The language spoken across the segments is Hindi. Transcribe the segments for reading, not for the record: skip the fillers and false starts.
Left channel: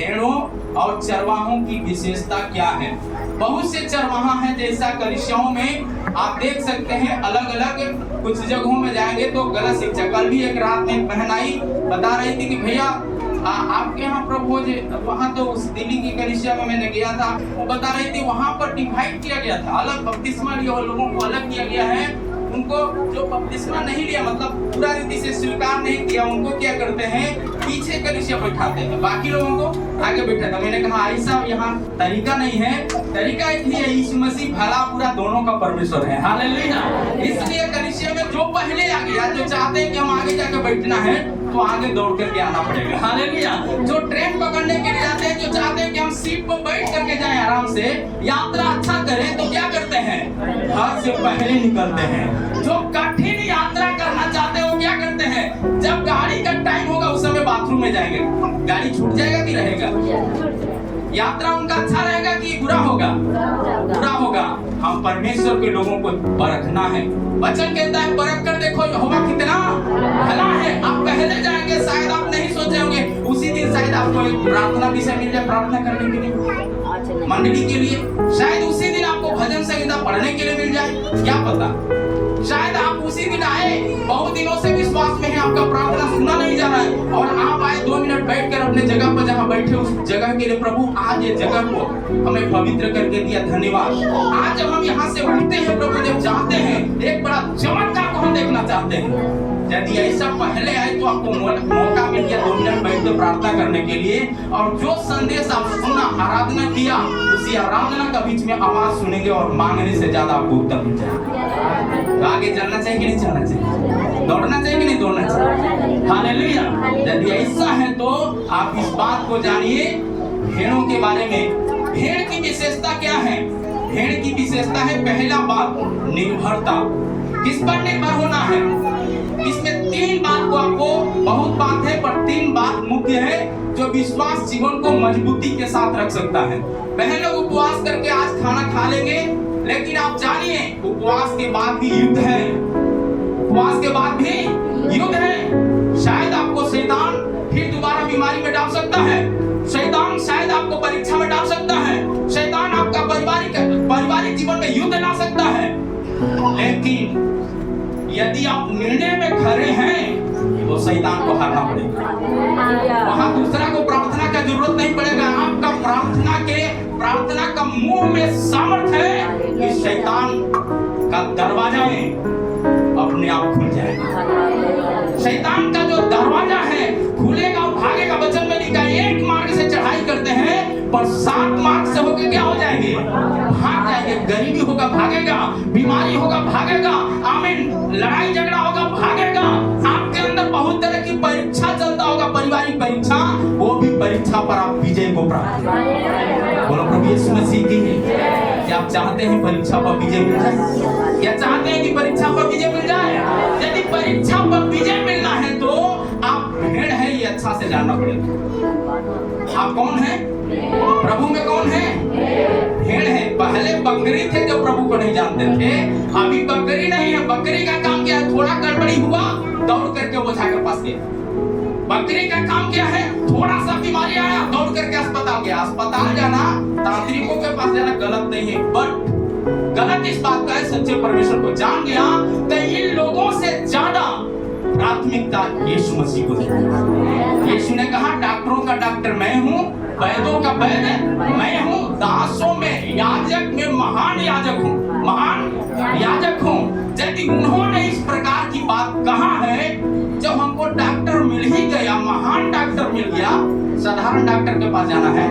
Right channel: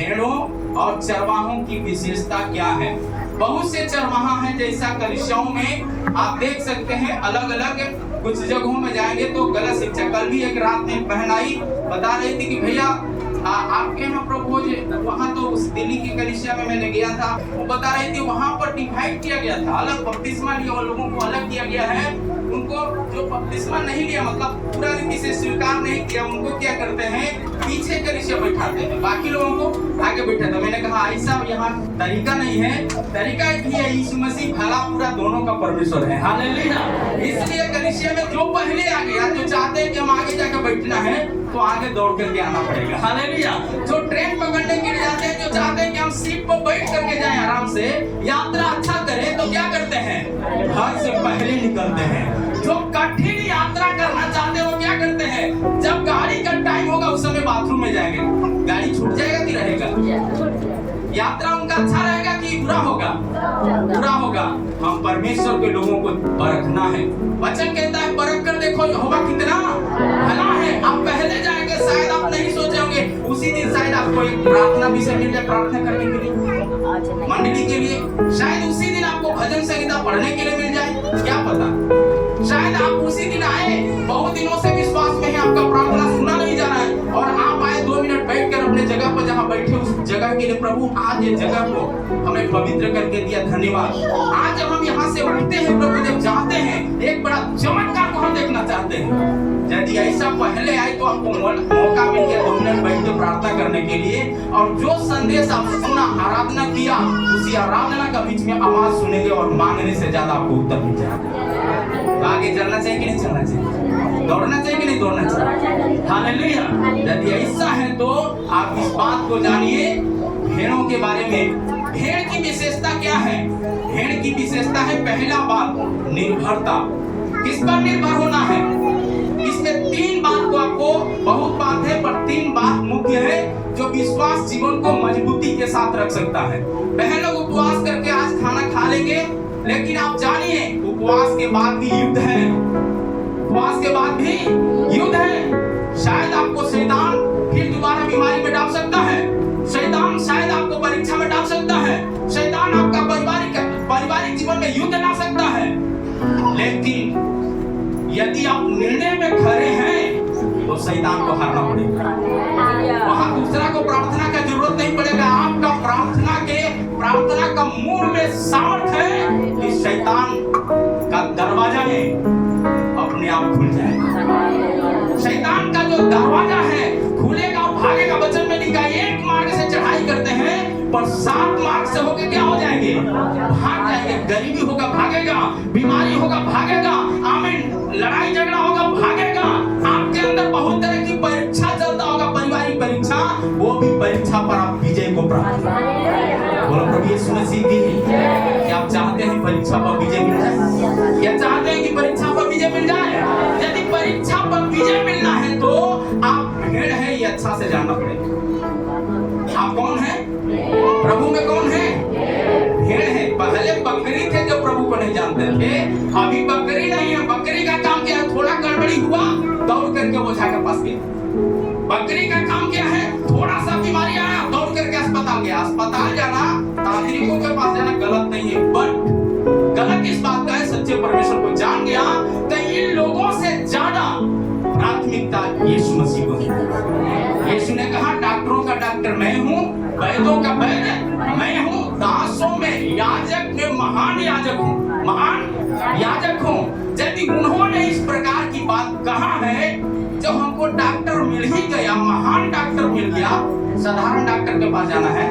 भेड़ों और चरवाहों की विशेषता क्या है। बहुत से चरवाहा हैं, जैसा कलीसियाओं में आप देख सकते हैं, अलग अलग कुछ जगहों में जाएंगे तो गलत शिक्षा। कल भी एक रात में बहन आई, बता रही थी कि भैया आपके यहाँ प्रभु जी, वहाँ तो उस दिल्ली की कलीसिया में मैंने गया था, वो बता रही थी वहाँ पर डिवाइड किया गया था, अलग बपतिस्मा लिया और लोगों को अलग किया गया है। उनको जो बपतिस्मा नहीं लिया, मतलब पूरा रीति से स्वीकार नहीं किया, उनको क्या करते हैं, पीछे कलीसिया बैठाते हैं, बाकी लोगों को आगे बैठाते हैं। मैंने कहा ऐसा यहाँ तरीका नहीं है। तरीका इसलिए यीशु मसीह भला पूरा दोनों का परमेश्वर है, हालेलुया। इसलिए कलीसिया में जो पहले आ गया, जो चाहते हैं कि हम आगे जाकर बैठना है, तो आगे दौड़ करके आना पड़ेगा, हालेलुया। जो ट्रेन पकड़ने के लिए जाते हैं, जो चाहते हैं कि हम सीट पर बैठ करके जाएं आराम से, यात्रा अच्छा करें, तो क्या करते हैं, घर से पहले निकलते हैं। जो कठिन यात्रा करना चाहते हैं वो क्या करते हैं, जब गाड़ी का टाइम होगा उस समय बाथरूम में जाएंगे। गाड़ी छूट जाएगा कि रहेगा, यात्रा उनका अच्छा रहेगा कि बुरा होगा, बुरा होगा। हम परमेश्वर के लोगों को परखना है। वचन कहता है परख कर देखो यहोवा कितना भला है। आप पहले जाएंगे, शायद आप नहीं सोचे होंगे, उसी दिन शायद आपको एक प्रार्थना विषय मिल जाए प्रार्थना करने के लिए, मंडली के लिए। शायद उसी दिन आपको भजन संहिता पढ़ने के लिए मिल जाए, क्या पता। शायद आप उसी दिन आए, बहुत दिनों से विश्वास में है, आपका प्रार्थना सुना नहीं जा रहा है, और आप आए 2 मिनट बैठकर अपने जगह पर जहाँ बैठे उस जगह के लिए, प्रभु आज ये जगह को हमें पवित्र करके दिया, धन्यवाद। आज जब हम यहाँ से उठते हैं प्रभु, जब जाते हैं, एक बड़ा चमत्कार को हम देखना चाहते हैं। यदि ऐसा पहले आए तो आपको मौका मिल गया 2 मिनट बैठकर प्रार्थना करने के लिए, और जो संदेश आप सुना, आराधना किया, उसी आराधना का बीच में आवाज सुनेंगे और मांगने से ज्यादा आपको उत्तर मिल जाएगा। तो आगे चलना चाहिए कि नहीं चलना चाहिए, दौड़ना चाहिए कि नहीं दौड़ना चाहिए, हालेलुया। यदि ऐसा है तो आप इस बात को जानिए, भेड़ों के बारे में। भेड़ की विशेषता क्या है, भेड़ की विशेषता है, पहला बात निर्भरता। किस पर निर्भर होना है, इसमें 3 बात को आपको, बहुत बात है पर 3 बात मुख्य है जो विश्वास जीवन को मजबूती के साथ रख सकता है। बहन लोग उपवास करके आज खाना खा लेंगे, लेकिन आप जानिए उपवास के बाद भी युद्ध है, उपवास के बाद भी युद्ध है। शायद आपको शैतान फिर दोबारा बीमारी में डाल सकता है, शैतान शायद आपको परीक्षा में डाल सकता है, शैतान आपका पारिवारिक जीवन में युद्ध ला सकता है। लेकिन यदि आप निर्णय में खड़े हैं तो शैतान को हारना पड़ेगा। वहां दूसरा को प्रार्थना का जरूरत नहीं पड़ेगा, आपका प्रार्थना का मुंह में सामर्थ है कि शैतान का दरवाजा है अपने आप खुल जाएगा। शैतान का जो दरवाजा है खुलेगा, भागेगा। वचन में लिखा है 1 मार्ग से चढ़ाई करते हैं पर 7 मार्ग से होके क्या हो जाएंगे, भाग जाएंगे। गरीबी होगा भागेगा, बीमारी होगा भागेगा, आमीन, लड़ाई झगड़ा होगा भागेगा। आपके अंदर बहुत तरह की परीक्षा चलता होगा, पारिवारिक परीक्षा, वो भी परीक्षा पर आप विजय को प्राप्त करें। बोलो प्रभु यीशु मसीह की। क्या आप चाहते हैं परीक्षा पर विजय मिल जाए? क्या चाहते हैं कि परीक्षा पर विजय मिल जाए? यदि परीक्षा पर विजय मिलना है तो आप भेड़ है, ये अच्छा से जानना पड़ेगा। आप कौन है, प्रभु में कौन है, भेड़ है। पहले बकरी थे जो प्रभु को नहीं जानते थे, अभी बकरी नहीं है। बकरी का काम क्या है, थोड़ा गड़बड़ी हुआ दौड़ करके ओझा के पास गया। बकरी का काम क्या है, थोड़ा सा बीमारी आया दौड़ करके अस्पताल गया। अस्पताल जाना, तांत्रिकों के पास जाना गलत नहीं है, बट गलत इस बात का है, सच्चे परमेश्वर को जान गया तो इन लोगों से ज्यादा प्राथमिकता यीशु मसीह को दी। यीशु ने कहा डॉक्टरों का डॉक्टर मैं हूँ, वैद्यों का वैद्य मैं हूँ, दासों में याजक में महान याजक हूँ, महान याजक हूँ। यदि उन्होंने इस प्रकार की बात कहा है, जब हमको डॉक्टर मिल ही गया, महान डॉक्टर मिल गया, साधारण डॉक्टर के पास जाना है,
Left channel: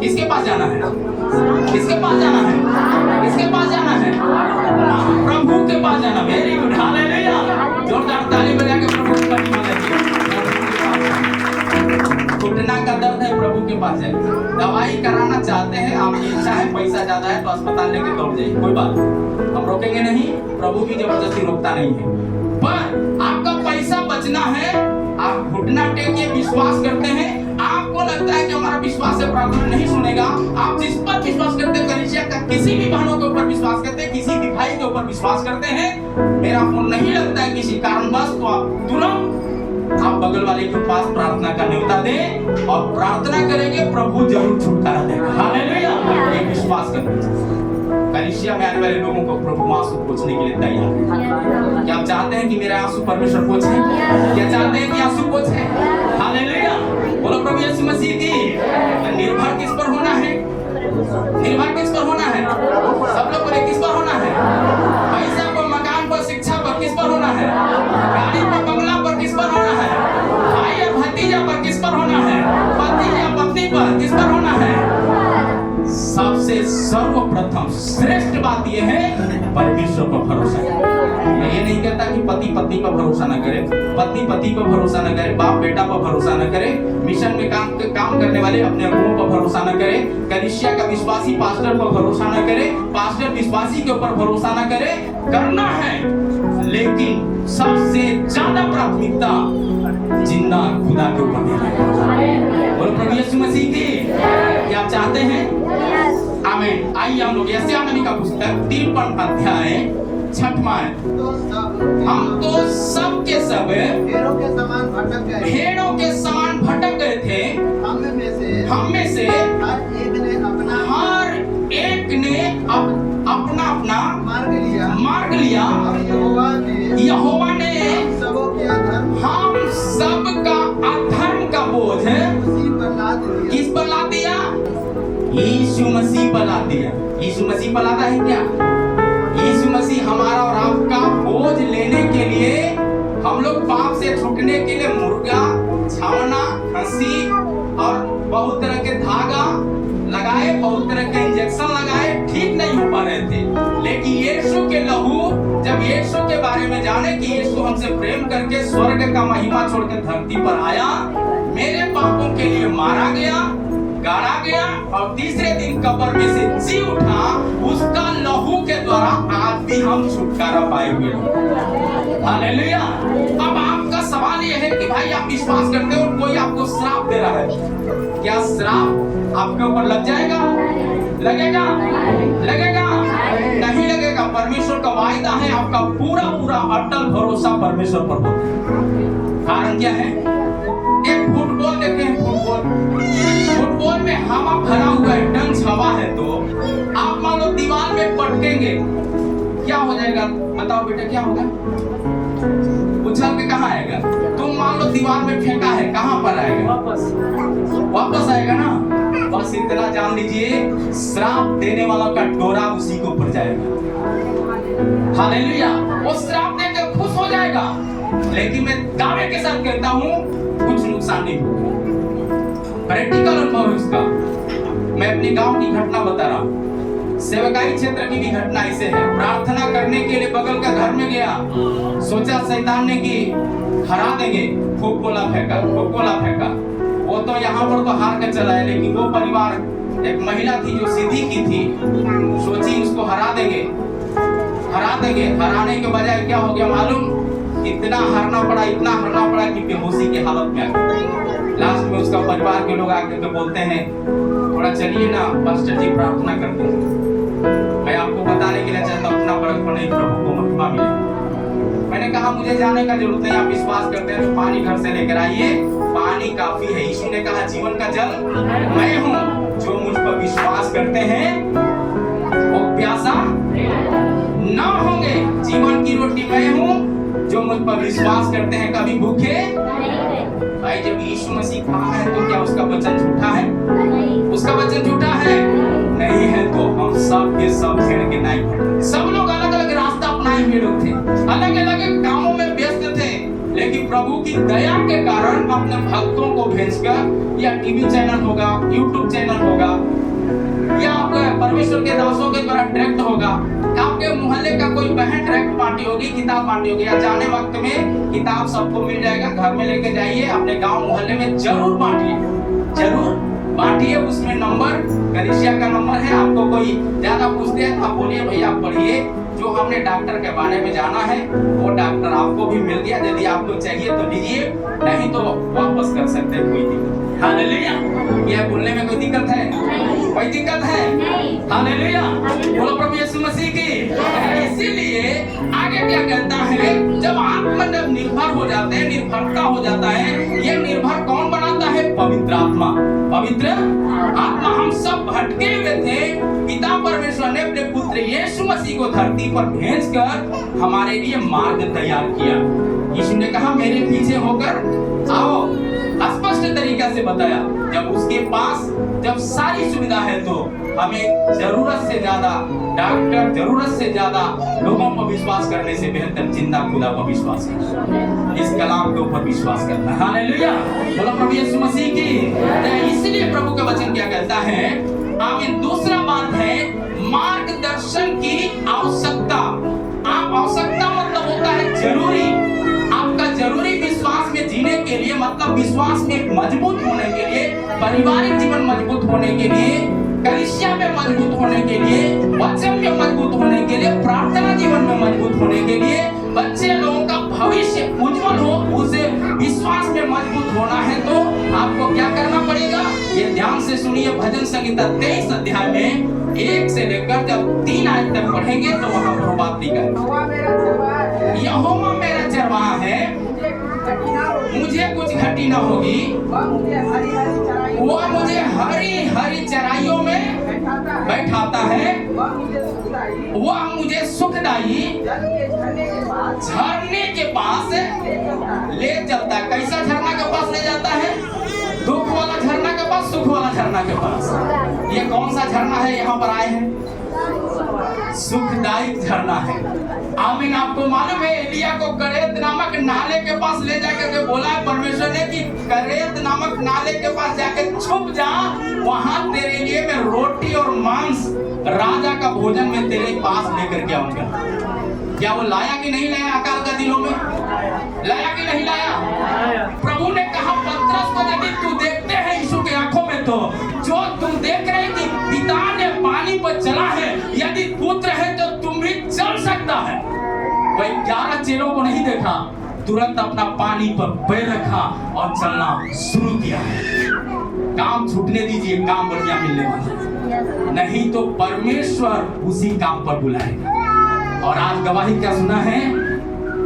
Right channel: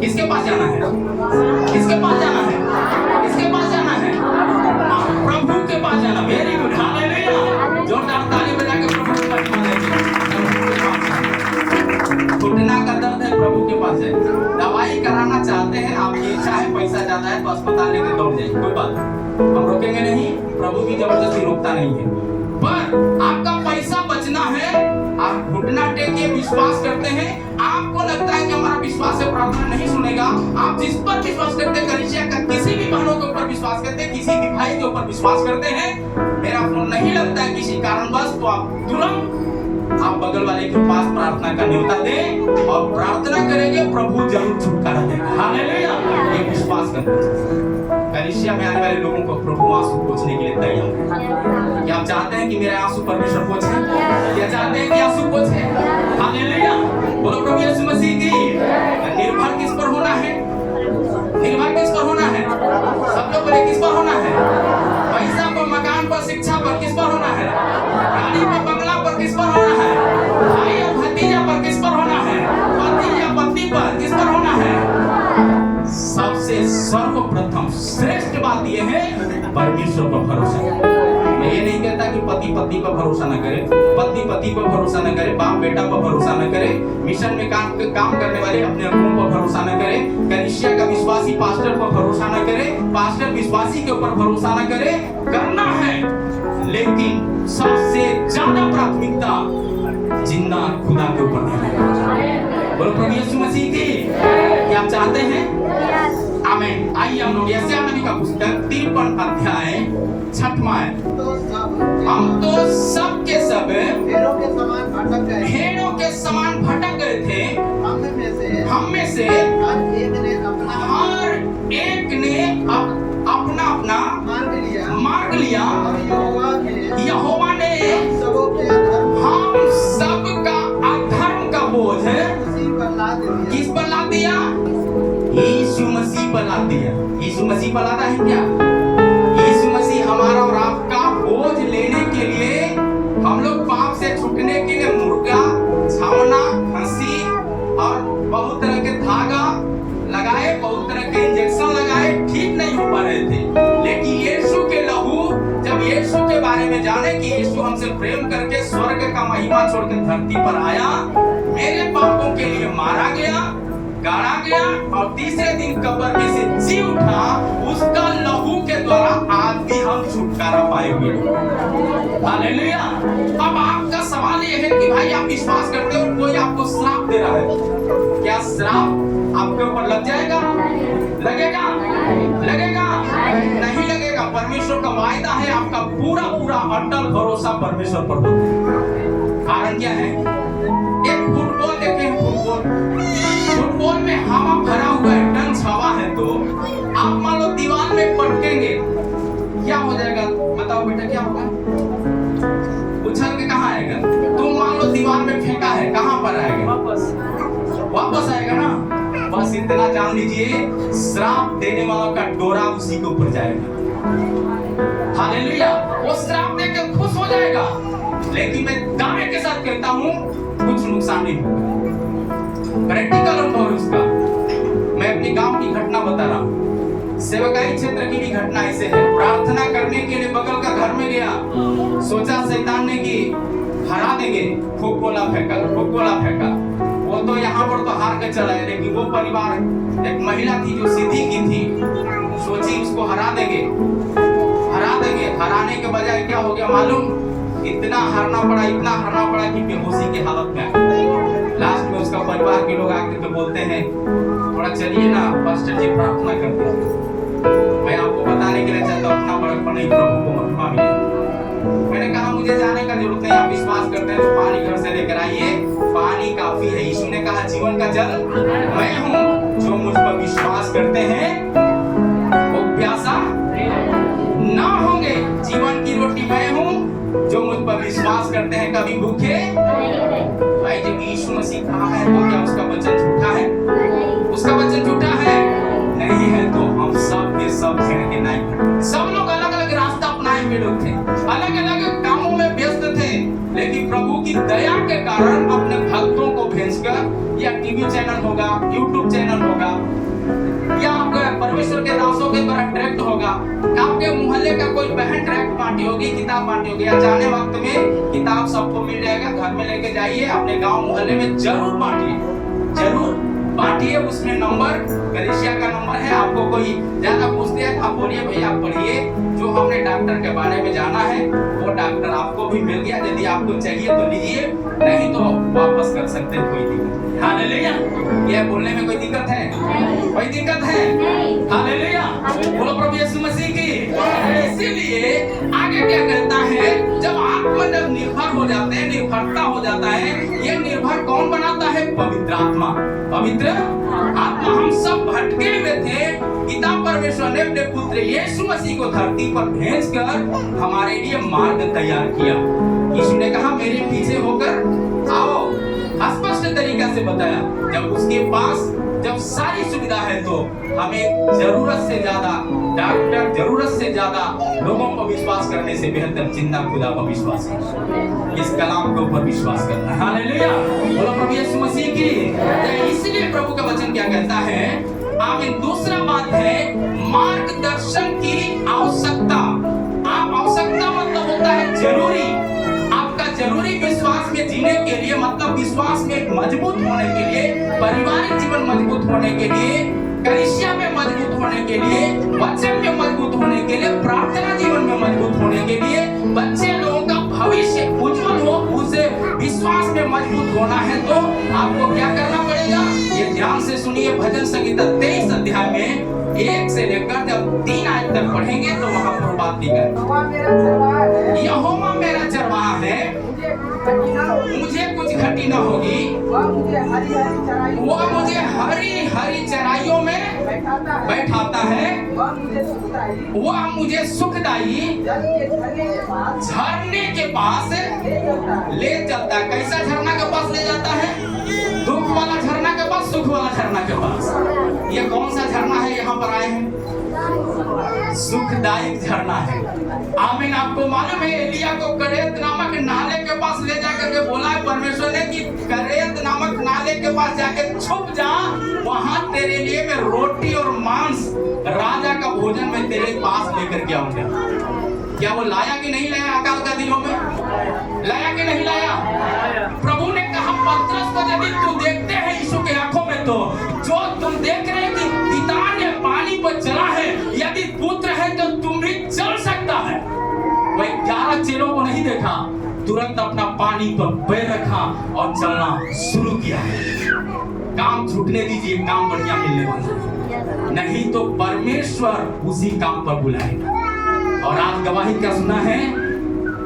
किसके पास जाना है, किसके पास जाना है, किसके पास जाना है, प्रभु के पास जाना। Very good, hallelujah. जोरदार ताली बजा के प्रभु की महिमा करें। घुटना का दर्द है, प्रभु के पास जाए। दवाई कराना चाहते हैं, आपकी इच्छा है, पैसा ज्यादा है तो अस्पताल लेके दौड़ जाइए, कोई बात नहीं, हम रोकेंगे नहीं, प्रभु भी जबरदस्ती रोकता नहीं है। पर आपका पैसा बचना है, आप घुटना टेक के विश्वास करते हैं, आपको लगता है कि हमारा विश्वास से प्रार्थना नहीं सुनेगा, आप जिस पर विश्वास करते हैं, कलीसिया का किसी भी बहनों के ऊपर विश्वास करते हैं, किसी भी भाई के ऊपर विश्वास करते हैं, मेरा फोन नहीं लगता है किसी कारणवश, तो आप तुरंत आप बगल वाले के पास प्रार्थना का न्योता दें और प्रार्थना करेंगे, प्रभु जरूर छुटकारा देगा। हालेलुया, ये विश्वास करते कलीसिया में आने वाले लोगों को प्रभु आंसू पोंछने के लिए तैयार है। क्या आप चाहते हैं कि मेरा आंसू परमेश्वर पोंछे? क्या चाहते हैं कि आंसू पोंछे? हालेलुया, बोलो प्रभु यीशु मसीह की। निर्भर किस पर होना है? निर्भर किस पर होना है? सब लोग बोले किस पर होना है? पैसा पर, मकान पर, शिक्षा पर किस पर होना है? गाड़ी पर, बंगला पर किस पर होना है? भाई और भतीजा पर किस पर होना है? पति या पत्नी पर किस पर होना है? सबसे सर्वप्रथम श्रेष्ठ बात यह है परमेश्वर पर भरोसा। मैं ये नहीं कहता कि पति पत्नी पर भरोसा न करे, पत्नी पति पर भरोसा न करे, बाप बेटा पर भरोसा न करे, मिशन में काम करने वाले अपने अगुओं पर भरोसा न करे, कलीसिया का विश्वासी पास्टर पर भरोसा न करे, पास्टर विश्वासी के ऊपर भरोसा न करे। करना है, लेकिन सबसे ज्यादा प्राथमिकता जिंदा खुदा के ऊपर देना है। बोलो प्रभु यीशु मसीह की। क्या आप चाहते हैं? आमीन। आइए हम लोग यशायाह नबी का पुस्तक 53 अध्याय 6वां है। हम तो सब के सब भेड़ों के समान भटक गए थे। हम में से हर एक ने अपना अपना मार्ग लिया। यहोवा ने हम सब का अधर्म का बोझ किस पर ला दिया? यीशु मसीह पर ला दिया। यीशु मसीह पर लाता है क्या? यीशु मसीह हमारा और आपका बोझ लेने के लिए, हम लोग पाप से छूटने के लिए मुर्गा, छावना, हंसी और बहुत तरह के धागा लगाए, बहुत तरह के इंजेक्शन लगाए, ठीक नहीं हो पा रहे थे। लेकिन यीशु के लहू, जब यीशु के बारे में जाने कि यीशु हमसे प्रेम करके स्वर्ग का महिमा छोड़ के धरती पर आया, मेरे पापों के लिए मारा गया, गाड़ा गया और तीसरे दिन कब्र में से जी उठा, उसका लहू के द्वारा आज भी हम छुटकारा पाए हुए। हालेलुया। अब आपका सवाल यह है कि भाई आप विश्वास करते हो, कोई आपको श्राप दे रहा है, क्या श्राप आपके ऊपर लग जाएगा? लगेगा? लगेगा? नहीं लगेगा। परमेश्वर का वायदा है, आपका पूरा पूरा अटल भरोसा परमेश्वर पर होता है। कारण क्या है? एक फुटबॉल देखे हैं, फुटबॉल में हवा भरा हुआ है, टंच हवा है, तो आप मान लो दीवार में पटकेंगे, क्या हो जाएगा? बताओ बेटा, क्या होगा? उछल के कहाँ आएगा? तुम मान लो दीवार में फेंका है, कहाँ पर आएगा? वापस आएगा ना। बस इतना जान लीजिए, श्राप देने वाला का डोरा उसी के ऊपर जाएगा। हालेलुया। वो श्राप देकर खुश हो जाएगा, लेकिन मैं दावे के साथ कहता हूँ कुछ नुकसान नहीं होगा। प्रैक्टिकल अनुभव है उसका। मैं अपने गांव की घटना बता रहा हूँ। सेवकाई क्षेत्र की भी घटना ऐसे है। प्रार्थना करने के लिए बगल का घर में गया, सोचा शैतान ने कि हरा देंगे, फुकोला फेंका। वो तो यहाँ पर तो हार कर चला है, लेकिन वो परिवार, एक महिला थी जो सीधी की थी, सोची उसको हरा देंगे। हराने के बजाय क्या हो गया मालूम? इतना हारना पड़ा कि बेहोशी की हालत में आ गया। लास्ट में उसका परिवार के लोग आकर के बोलते हैं, थोड़ा चलिए ना पास्टर जी, प्रार्थना करते हैं। मैं आपको बताने के लिए चाहता हूँ, अपना बड़कपन नहीं, प्रभु को महिमा मिले। मैंने कहा मुझे जाने का जरूरत नहीं, आप विश्वास करते हैं तो पानी घर से लेकर आइए, पानी काफी है। यीशु ने कहा जीवन का जल मैं हूँ, जो मुझ पर विश्वास करते हैं वो प्यासा ना होंगे। जीवन की रोटी मैं हूँ, जो मुझ पर विश्वास करते हैं कभी भूखे। भाई जब यीशु मसीह कहा है तो क्या उसका वचन झूठा है? उसका वचन झूठा है? नहीं है। तो हम सब के सब भेड़ के नाई भटके। सब लोग अलग अलग रास्ता अपनाए हुए लोग थे, अलग अलग कामों में व्यस्त थे, लेकिन प्रभु की दया के कारण अपने भक्तों को भेजकर, या टीवी चैनल होगा, यूट्यूब चैनल होगा, या आपके परमेश्वर के दासों के द्वारा डायरेक्ट होगा, आपके मोहल्ले का कोई बहन डायरेक्ट पार्टी होगी, किताब पार्टी होगी, या जाने वक्त में किताब सबको मिल जाएगा, घर में लेके जाइए, अपने गांव मोहल्ले में जरूर बांटिए। उसमें नंबर, कलीसिया का नंबर है। आपको कोई ज्यादा पूछते हैं आप बोलिए भैया आप पढ़िए, जो हमने डॉक्टर के बारे में जाना है वो डॉक्टर आपको भी मिल गया। यदि आपको चाहिए तो लीजिए, नहीं तो वापस कर सकते हैं, कोई दिक्कत नहीं। हालेलुया। यह बोलने में कोई दिक्कत है? कोई दिक्कत है? हालेलुया, बोलो प्रभु यीशु मसीह की। इसीलिए आगे क्या कहता है, जब आत्मा जब निर्भर हो जाते हैं, निर्भरता हो जाता है, ये निर्भर कौन बनाता है? पवित्र आत्मा। पवित्र आत्मा। हम सब भटके हुए थे, पिता परमेश्वर ने अपने पुत्र यीशु मसीह को धरती पर भेजकर हमारे लिए मार्ग तैयार किया। यीशु ने कहा मेरे पीछे होकर आओ, स्पष्ट तरीके से बताया। जब उसके पास जब सारी सुविधा है तो हमें जरूरत से ज्यादा डॉक्टर, जरूरत से ज्यादा लोगों पर विश्वास करने से बेहतर जिंदा खुदा पर विश्वास है। इस कलाम के ऊपर विश्वास करना। हालेलुया, बोलो प्रभु यीशु मसीह की। इसलिए प्रभु का वचन क्या कहता है? आमीन। दूसरा बात है मार्गदर्शन की आवश्यकता। आप आवश्यकता मतलब होता है जरूरी। आपका जरूरी विश्वास में जीने के लिए, मतलब विश्वास में मजबूत होने के लिए, पारिवारिक जीवन मजबूत होने के लिए, कलीसिया में मजबूत होने के लिए, वचन में मजबूत होने के लिए, प्रार्थना जीवन में मजबूत होने के लिए, बच्चे लोगों का भविष्य उज्जवल हो, उसे विश्वास में मजबूत होना है तो आपको क्या करना पड़ेगा? ये ध्यान से सुनिए। भजन संहिता 23 अध्याय में 1 से लेकर जब 3 आयत तक पढ़ेंगे तो वहां पर बात लिखा है, यहोवा मेरा चरवाहा है, मुझे कुछ घटी न होगी, वह मुझे हरी हरी चराइयों में बैठाता है, वह मुझे सुखदाई झरने के पास ले चलता है। कैसा झरना के पास ले जाता है? दुख वाला झरना के पास, सुख वाला झरना के पास। ये कौन सा झरना है? यहाँ पर आए हैं, सुखदायक झरना है। आमीन। आपको मालूम है एलिया को करेत नामक नाले के पास ले जाकर के बोला है परमेश्वर ने कि करेत नामक नाले के पास जाके छुप जा, वहां तेरे लिए मैं रोटी और मांस, राजा का भोजन में तेरे पास लेकर के आऊंगा। क्या वो लाया कि नहीं लाया? अकाल का दिनों में लाया कि नहीं लाया? प्रभु ने कहा पतरस को यदि तू देखते हैं यीशु के आंखों में, तो जो तुम देख रहे हैं कि पिता ने पानी पर चला है, यदि पुत्र है तो तुम भी चल सकता है। वह 11 चेलों को नहीं देखा, तुरंत अपना पानी पर पैर रखा और चलना शुरू किया। काम छूटने दीजिए, काम बढ़िया मिलने वाला है, नहीं तो परमेश्वर उसी काम पर बुलाएगा। और आज गवाही क्या सुना है?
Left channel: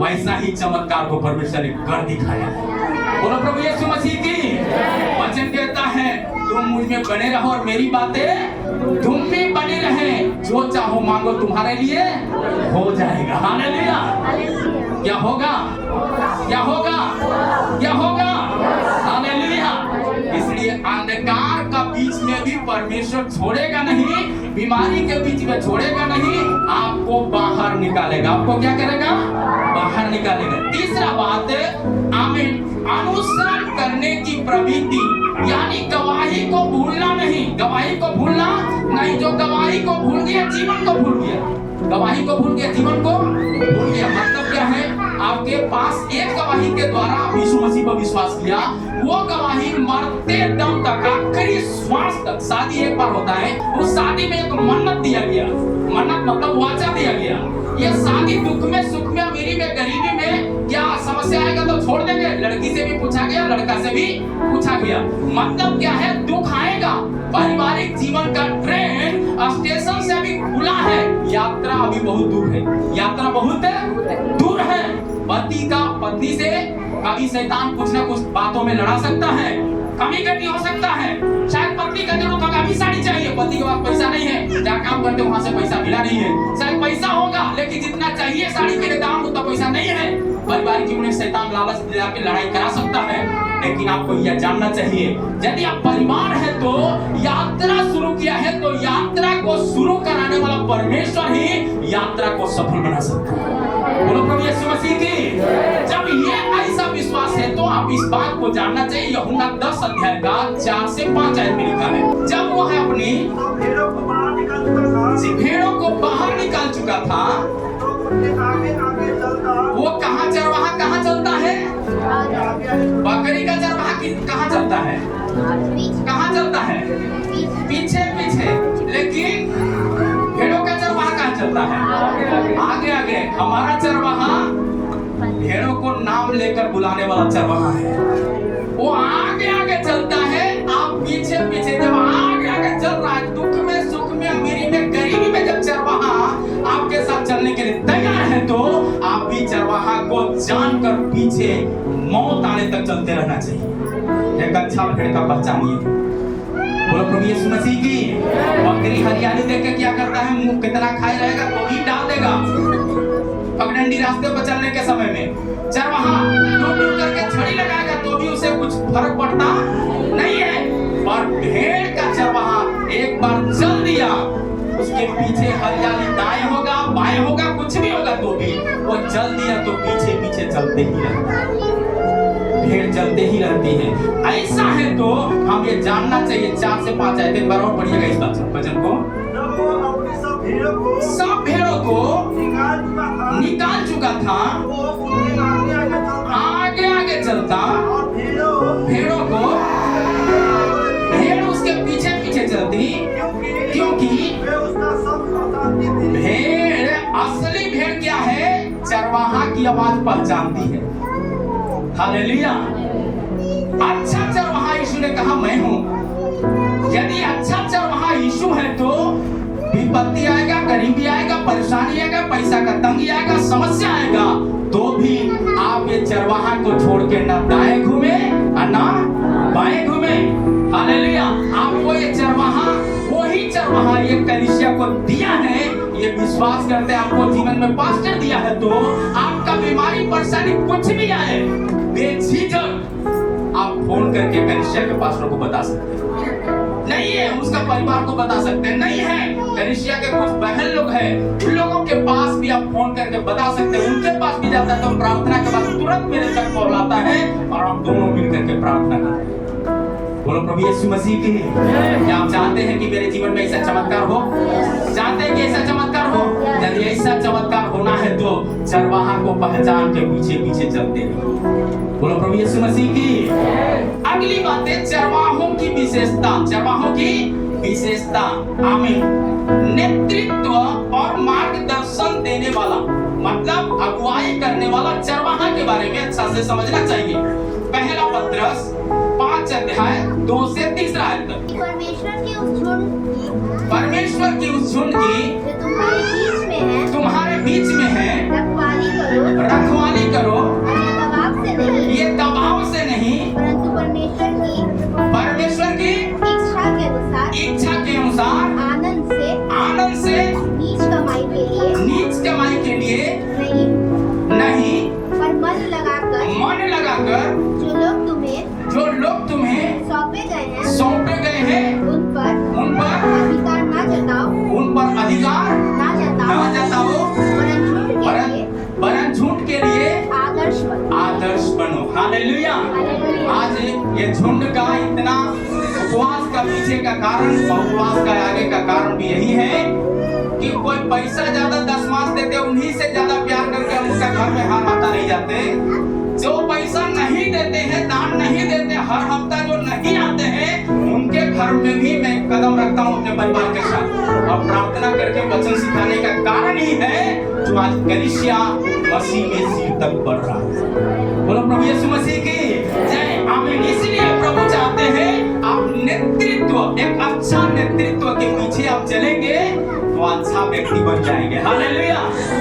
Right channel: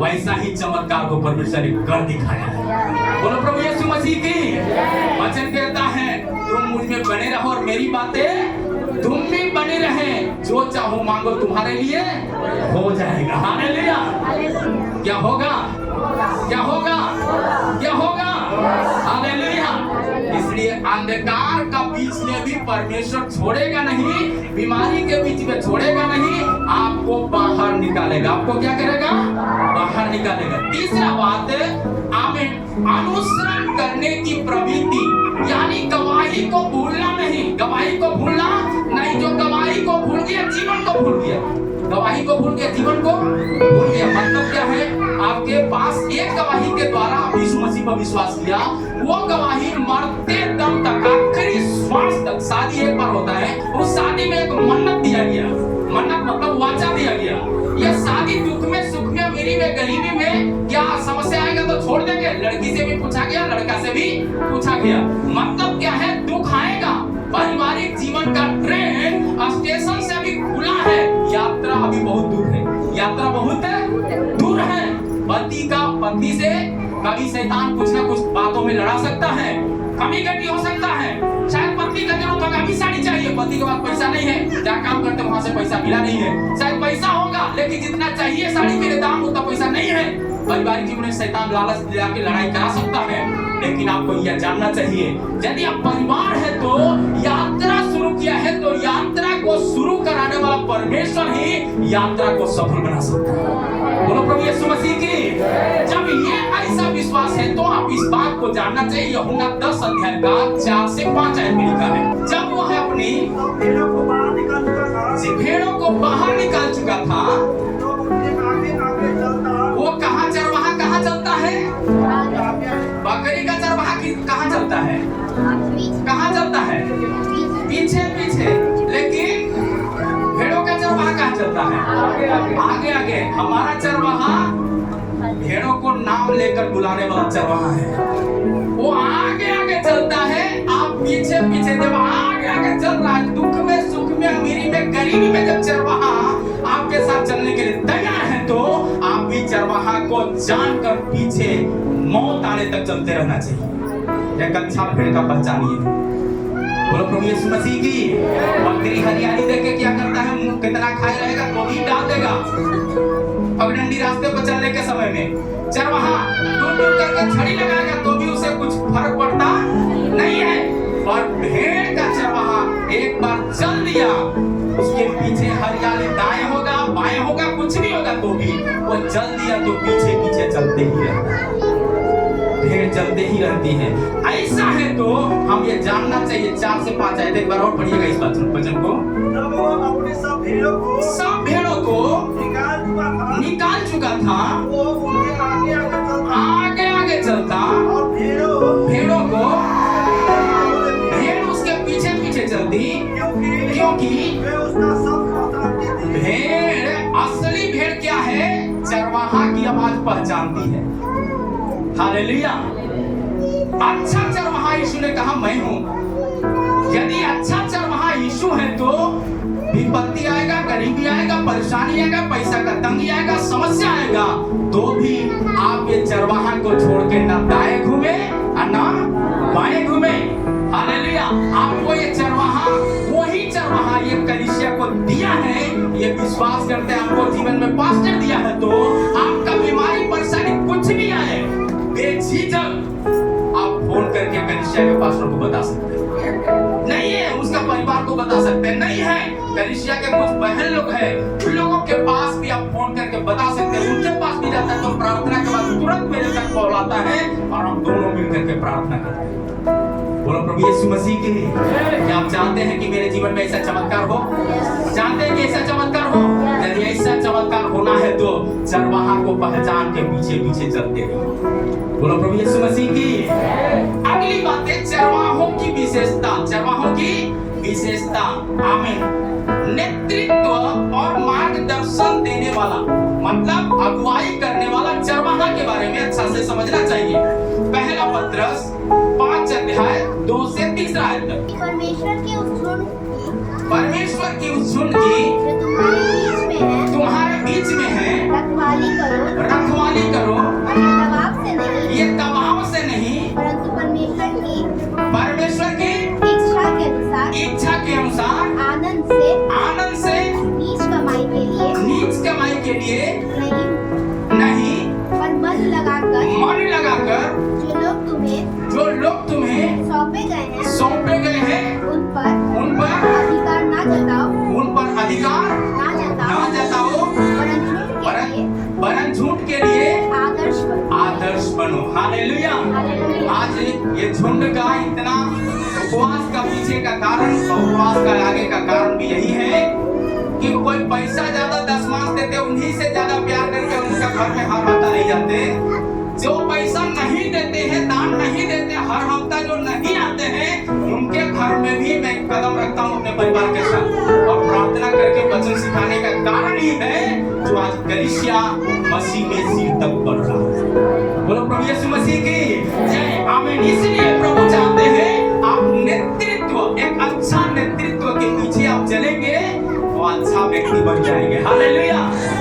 वैसा ही चमत्कार को परमेश्वर ने कर दिखाया है। बोलो प्रभु यीशु मसीह की। वचन कहता है तुम मुझ में बने रहो और मेरी बातें तुम भी बने रहे, जो चाहो मांगो तुम्हारे लिए हो जाएगा। हालेलुया। क्या होगा? क्या होगा? क्या होगा? हालेलुया। इसलिए अंधकार का बीच में भी परमेश्वर छोड़ेगा नहीं, बीमारी के बीच में छोड़ेगा नहीं, आपको बाहर निकालेगा। आपको क्या करेगा? बाहर निकालेगा। तीसरा बात, आमीन, अनुसरण करने की प्रवृत्ति, यानी गवाही को भूलना नहीं। गवाही को भूलना नहीं। जो गवाही को भूल गया जीवन को भूल गया। गवाही को भूल गया जीवन को भूल गया। मतलब क्या है? आपके पास एक गवाही के द्वारा आप यीशु मसीह पर विश्वास किया, वो गवाही मरते दम तक, आखिरी श्वास तक। शादी एक बार होता है, उस शादी में एक मन्नत दिया गया। मन्नत मतलब वाचा दिया गया। ये शादी दुख में, सुख में, अमीरी में, गरीबी में क्या समस्या आएगा तो छोड़ देंगे। लड़की से भी पूछा गया, लड़का से भी पूछा गया। मतलब क्या है? दुख आएगा। पारिवारिक जीवन का ट्रेन स्टेशन से अभी खुला है, यात्रा अभी बहुत दूर है। यात्रा बहुत दूर है। पति का पत्नी से कभी शैतान कुछ ना कुछ बातों में लड़ा सकता है, कमी घटी हो सकता है। शायद पत्नी का जरूरत होगा, अभी साड़ी चाहिए, पति के पास पैसा नहीं है, जहाँ काम करते वहां से पैसा मिला नहीं है। शायद पैसा होगा लेकिन जितना चाहिए साड़ी के लिए दाम उतना पैसा नहीं है। पारिवारिक जीवन में शैतान लालच दिला के लड़ाई करा सकता है। लेकिन आपको यह जानना चाहिए, यदि आप परिवार है तो यात्रा शुरू किया है, तो यात्रा को शुरू कराने वाला परमेश्वर ही यात्रा को सफल बना सकता है। बोलो प्रभु यीशु मसीह की। जब ये ऐसा विश्वास है तो आप इस बात को जानना चाहिए। यूहन्ना 10 अध्याय का 4 से 5 आयत में लिखा है, जब वह अपनी भेड़ों को बाहर निकाल चुका था, वो कहाँ चरवाहा कहाँ चलता है? बकरी का चरवाहा कहाँ चलता है? कहाँ चलता है? पीछे पीछे। लेकिन भेड़ों का चरवाहा कहाँ चलता है? आगे आगे। हमारा चरवाहा भेड़ों को नाम लेकर बुलाने वाला चरवाहा है। वो आगे आगे चलता है, आप पीछे पीछे जब आगे आगे चल रहा है, दुख में, सुख में, अमीरी में, गरीबी में, जब चरवाहा आपके साथ चलने के लिए तैयार है तो आप भी चरवाहा को जानकर पीछे मौत आने तक चलते रहना चाहिए। एक अच्छा भेड़ का पहचानिए। बोलो प्रभु यीशु मसीह की। बकरी हरियाली देख के क्या करता है, मुंह कितना खाए रहेगा तो भी डाल देगा पगडंडी रास्ते पर चलने के समय में। चरवाहा दूर दूर करके छड़ी लगाएगा तो भी उसे कुछ फर्क पड़ता नहीं है। और भेड़ का चरवाहा एक बार चल दिया, उसके पीछे हरियाली दाएं होगा बाएं होगा कुछ भी होगा तो भी वो चल दिया तो पीछे पीछे चलते ही रहता है। भेड़ चलते ही रहती है। ऐसा है तो हम ये जानना चाहिए। 4 से 5 आयत एक बार और पढ़िएगा इस वचन को। सब भेड़ों को निकाल चुका था, आगे आगे चलता, भेड़ों को भेड़ उसके पीछे पीछे चलती, क्योंकि भेड़, असली भेड़ क्या है, चरवाहा की आवाज पहचानती है। हालेलुया। अच्छा चरवाहा यीशु ने कहा मैं हूं। यदि अच्छा चरवाहा यीशु है तो विपत्ति आएगा, गरीबी आएगा, परेशानी आएगा, पैसा का तंगी आएगा, समस्या आएगा तो भी आप ये चरवाहा को छोड़ के ना दाएं घूमे और ना बाएं घूमे। हालेलुया। आपको ये चरवाहा, वही चरवाहा ये कलीसिया को दिया है, ये विश्वास करते हैं आपको जीवन में पास्टर दिया है तो आपका बीमारी परेशानी कुछ भी आए बेझिझक आप फोन करके कलीसिया के पास्टर को बता सकते हैं। नहीं है उसका परिवार को बता सकते हैं, नहीं है कलीसिया के कुछ बहन लोग हैं, उन लोगों के पास भी आप फोन करके बता सकते हैं। उनके पास भी जाता है तो प्रार्थना के बाद तुरंत मेरे तक कॉल आता है और हम दोनों मिल करके प्रार्थना करते हैं। बोलो प्रभु यीशु मसीह की। क्या आप चाहते हैं कि मेरे जीवन में ऐसा चमत्कार हो? चाहते हैं कि ऐसा चमत्कार हो? यदि ऐसा चमत्कार होना है तो चरवाहा को पहचान के पीछे पीछे चलते रहिए। बोलो प्रभु यीशु मसीह की। अगली बात है चरवाहों की विशेषता। चरवाहों की विशेषता, आमीन। नेतृत्व और मार्गदर्शन देने वाला, मतलब अगुवाई करने वाला चरवाहा के बारे में अच्छा से समझना चाहिए। पहला पत्रस 5 अध्याय 2 से 3 आयत तक। परमेश्वर की उस झुंड की जो तुम्हारे बीच में है, रखवाली करो और ये दबाव से नहीं, परंतु परमेश्वर की इच्छा के अनुसार आनंद से नीच कमाई के लिए नहीं पर मन लगाकर जो लोग तुम्हें सौंपे गए हैं उन पर अधिकार ना जताओ, वरन झूठ के लिए आदर्श बनो। हालेलुया। आज ये झुंड का इतना उपवास का पीछे का कारण, उपवास का आगे का कारण भी यही है कि कोई पैसा ज्यादा दशमांश देते उन्हीं से ज्यादा प्यार करके उनका घर में हर हफ्ता नहीं जाते। जो पैसा नहीं देते हैं, दान नहीं देते, हर हफ्ता जो नहीं आते हैं, उनके घर में भी मैं कदम रखता हूँ अपने परिवार के साथ और प्रार्थना करके वचन सिखाने का कारण ही है जो आज कलीसिया मसीह में सिर तक बढ़ रहा है। बोलो प्रभु यीशु मसीह की जय, आमीन। इसलिए प्रभु चाहते हैं आप नेतृत्व, एक अच्छा नेतृत्व के पीछे आप चलेंगे तो अच्छा व्यक्ति बन जाएंगे। हालेलुया।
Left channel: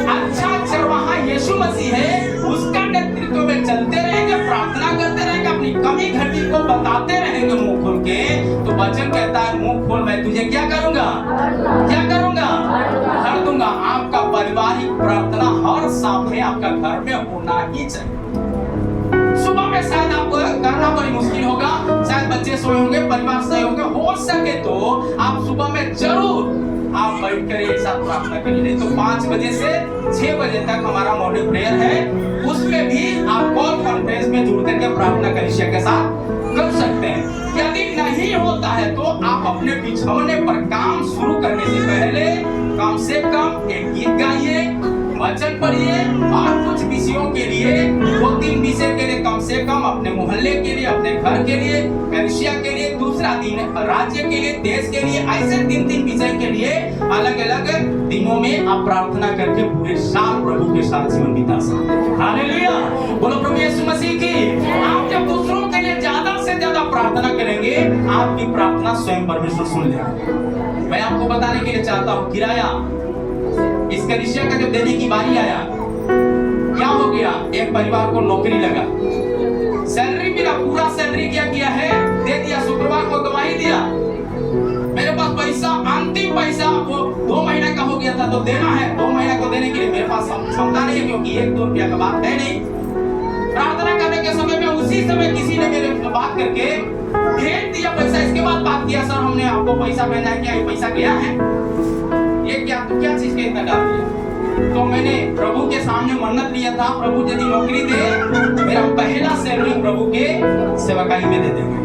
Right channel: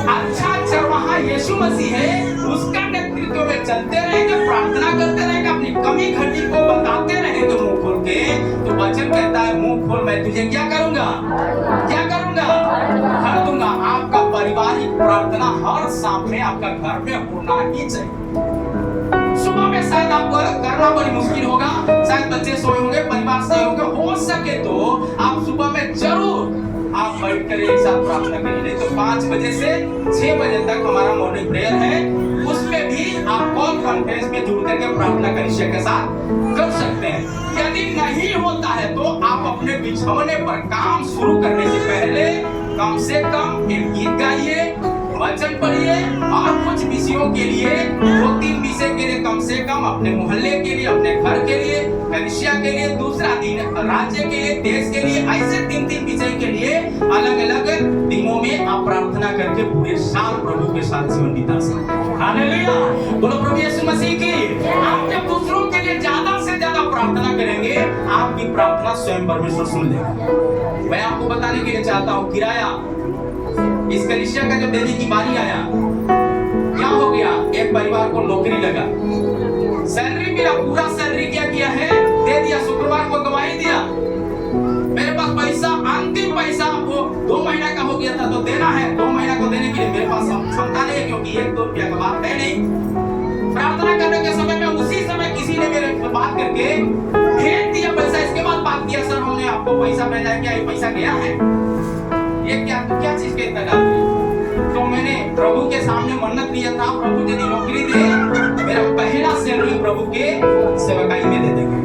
अच्छा चरवाहा यीशु मसीह है, उसका नेतृत्व में चलते रहेंगे, प्रार्थना करते रहेंगे, अपनी कमी घटी को बताते रहेंगे मुंह खोल के। तो वचन कहता है मुंह खोल मैं तुझे क्या करूंगा, भर दूंगा। आपका पारिवारिक प्रार्थना हर शाम में आपका घर में होना ही चाहिए। सुबह में शायद आपको करना बड़ी मुश्किल होगा, शायद बच्चे सोए होंगे, परिवार सोए होंगे, हो सके तो आप सुबह में जरूर आप बैठ कर एक साथ प्रार्थना करिए। नहीं तो 5 बजे से 6 बजे तक हमारा मॉर्निंग प्रेयर है, उसमें भी आप कॉल कॉन्फ्रेंस में जुड़ करके प्रार्थना कलीसिया के साथ कर सकते हैं। यदि नहीं होता है तो आप अपने बिछौने पर काम शुरू करने से पहले कम से कम एक गीत गाइए, वचन पढ़िए और कुछ विषयों के लिए 2-3 विषय के लिए कम से कम अपने मोहल्ले के लिए, अपने घर के लिए, कलीसिया के लिए, दूसरा दिन राज्य के लिए, देश के लिए, ऐसे 3-3 विषय के लिए अलग अलग दिनों में आप प्रार्थना करके पूरे साल प्रभु के साथ जीवन बिता सकते हैं। हालेलुया। बोलो प्रभु यीशु मसीह की। आप जब दूसरों के लिए ज्यादा से ज्यादा प्रार्थना करेंगे, आपकी प्रार्थना स्वयं परमेश्वर सुन लेगा। मैं आपको बताने के लिए चाहता हूँ, किराया इस कलीसिया का जो देने की बारी आया, क्या हो गया, एक परिवार को नौकरी लगा, सैलरी मिला, पूरा सैलरी क्या किया है, दे दिया, शुक्रवार को गवाही दिया। मेरे पास पैसा, अंतिम पैसा वो 2 महीना का हो गया था, तो देना है, 2 महीना को देने के लिए मेरे पास क्षमता नहीं है, क्योंकि 1-2 रुपया का बात है नहीं। प्रार्थना करने के समय में उसी समय किसी ने मेरे बात करके भेज दिया पैसा। इसके बाद बात किया, सर हमने आपको पैसा भेजा है, क्या ये पैसा गया है? ये क्या चीज के इतना डाल दिया? तो मैंने प्रभु के सामने मन्नत लिया था, प्रभु यदि नौकरी दे, मेरा पहला सैलरी प्रभु के सेवकाई में दे देंगे,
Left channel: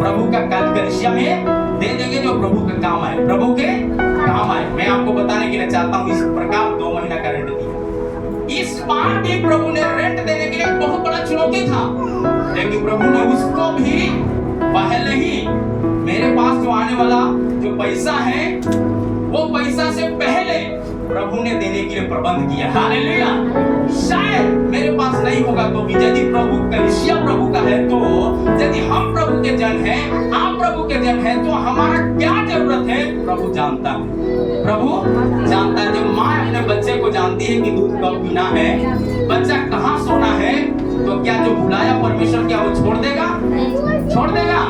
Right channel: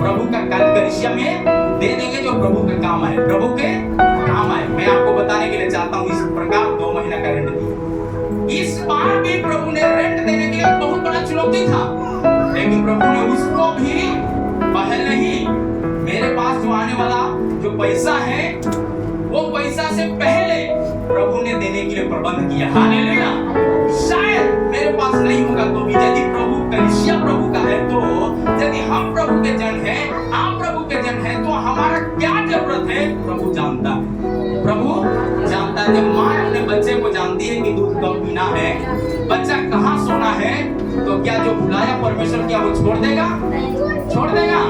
प्रभु का कलीसिया में दे देंगे, जो प्रभु के काम आए, प्रभु के काम आए। मैं आपको बताने के लिए चाहता हूँ, इस प्रकार 2 महीना का रेंट दिया। इस बार भी प्रभु ने रेंट देने के लिए बहुत बड़ा चुनौती था, लेकिन प्रभु ने उसको भी पहले ही मेरे पास जो आने वाला जो पैसा है, वो पैसा से पहले प्रभु ने देने के लिए प्रबंध किया। हालेलुया। शायद मेरे पास नहीं होगा तो भी, यदि प्रभु कलीसिया प्रभु का है, तो यदि हम प्रभु के जन हैं, आप प्रभु के जन हैं, तो हमारा क्या जरूरत है प्रभु जानता है। प्रभु जानता है। जब माँ अपने बच्चे को जानती है कि दूध कब पीना है, बच्चा कहाँ सोना है, तो क्या जो बुलाया परमेश्वर, क्या वो छोड़ देगा? छोड़ देगा?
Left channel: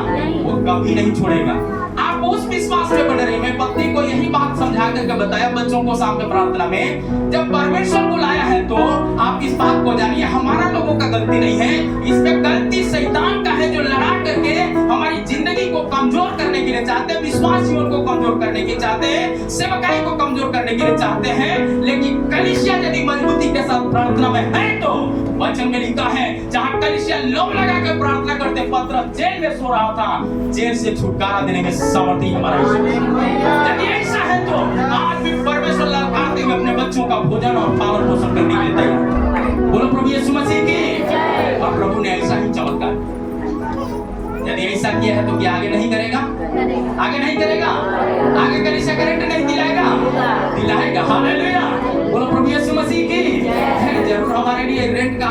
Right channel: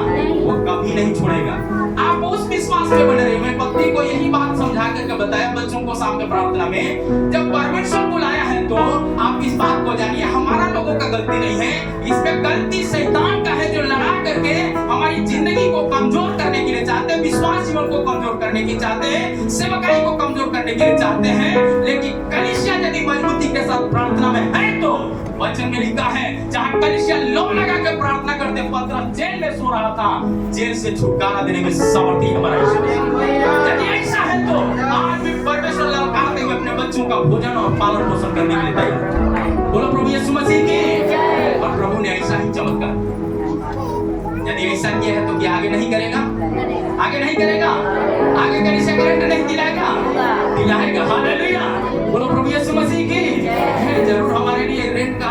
वो कभी नहीं छोड़ेगा। आप उस विश्वास में बने रहे। मैं पत्नी को यही बात समझा करके बताया बच्चों को सामने प्रार्थना में, जब परमेश्वर बुलाया है तो आप इस बात को जानिए, हमारा लोगों का गलती नहीं है, इसमें गलती शैतान का है, जो लड़ा करके हमारी जिंदगी को कमजोर करने के लिए चाहते हैं, विश्वास जीवन को कमजोर करने के चाहते हैं, सेवकाई को कमजोर करने के लिए चाहते हैं। लेकिन कलीसिया यदि मजबूती के साथ प्रार्थना में है, तो वचन में लिखा है, जहाँ कलीसिया लोग लगा कर प्रार्थना करते, पतरस जेल में सो रहा था, जेल से छुटकारा देने के सामर्थ्य हमारा यदि ऐसा है, तो आज भी परमेश्वर ललकारते हुए अपने बच्चों का भोजन और पालन पोषण करने के लिए तैयार। बोलो प्रभु यीशु मसीह की। और प्रभु ने ऐसा ही चमत्कार, यदि ऐसा किया है तो क्या आगे नहीं करेगा? आगे नहीं करेगा? आगे कलीसिया का रेंट नहीं दिलाएगा? दिलाएगा। हालेलुया। बोलो प्रभु यीशु मसीह की। जरूर हमारे लिए रेंट का,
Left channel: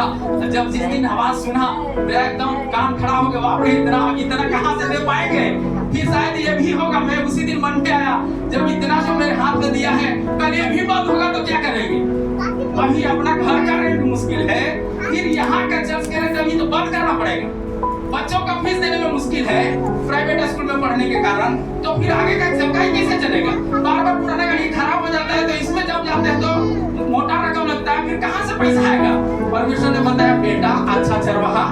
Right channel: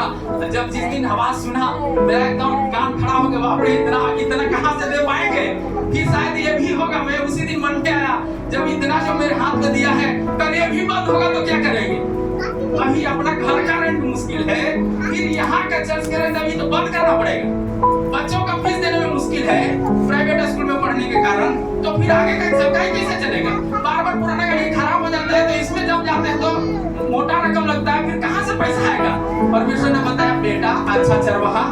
जब जिस दिन आवाज सुना, मेरा एकदम कान खड़ा हो गया, बाप रे इतना कहाँ से दे पाएंगे? फिर शायद ये भी होगा, मैं उसी दिन मन में आया, जब इतना जो मेरे हाथ में दिया है, कल ये भी बंद होगा तो क्या करेंगे? अभी अपना घर का रेंट मुश्किल है, फिर यहाँ का चर्च का रेंट अभी तो बंद करना पड़ेगा। बच्चों का फीस देने में मुश्किल है प्राइवेट स्कूल में पढ़ने के कारण, तो फिर आगे का सेवकाई कैसे चलेगा? बार बार पुराना गाड़ी खराब हो जाता है, तो इसमें जब जाते हैं तो मोटा रकम लगता है, फिर कहाँ से पैसा आएगा? परमेश्वर ने बताया, बेटा अच्छा चरवाहा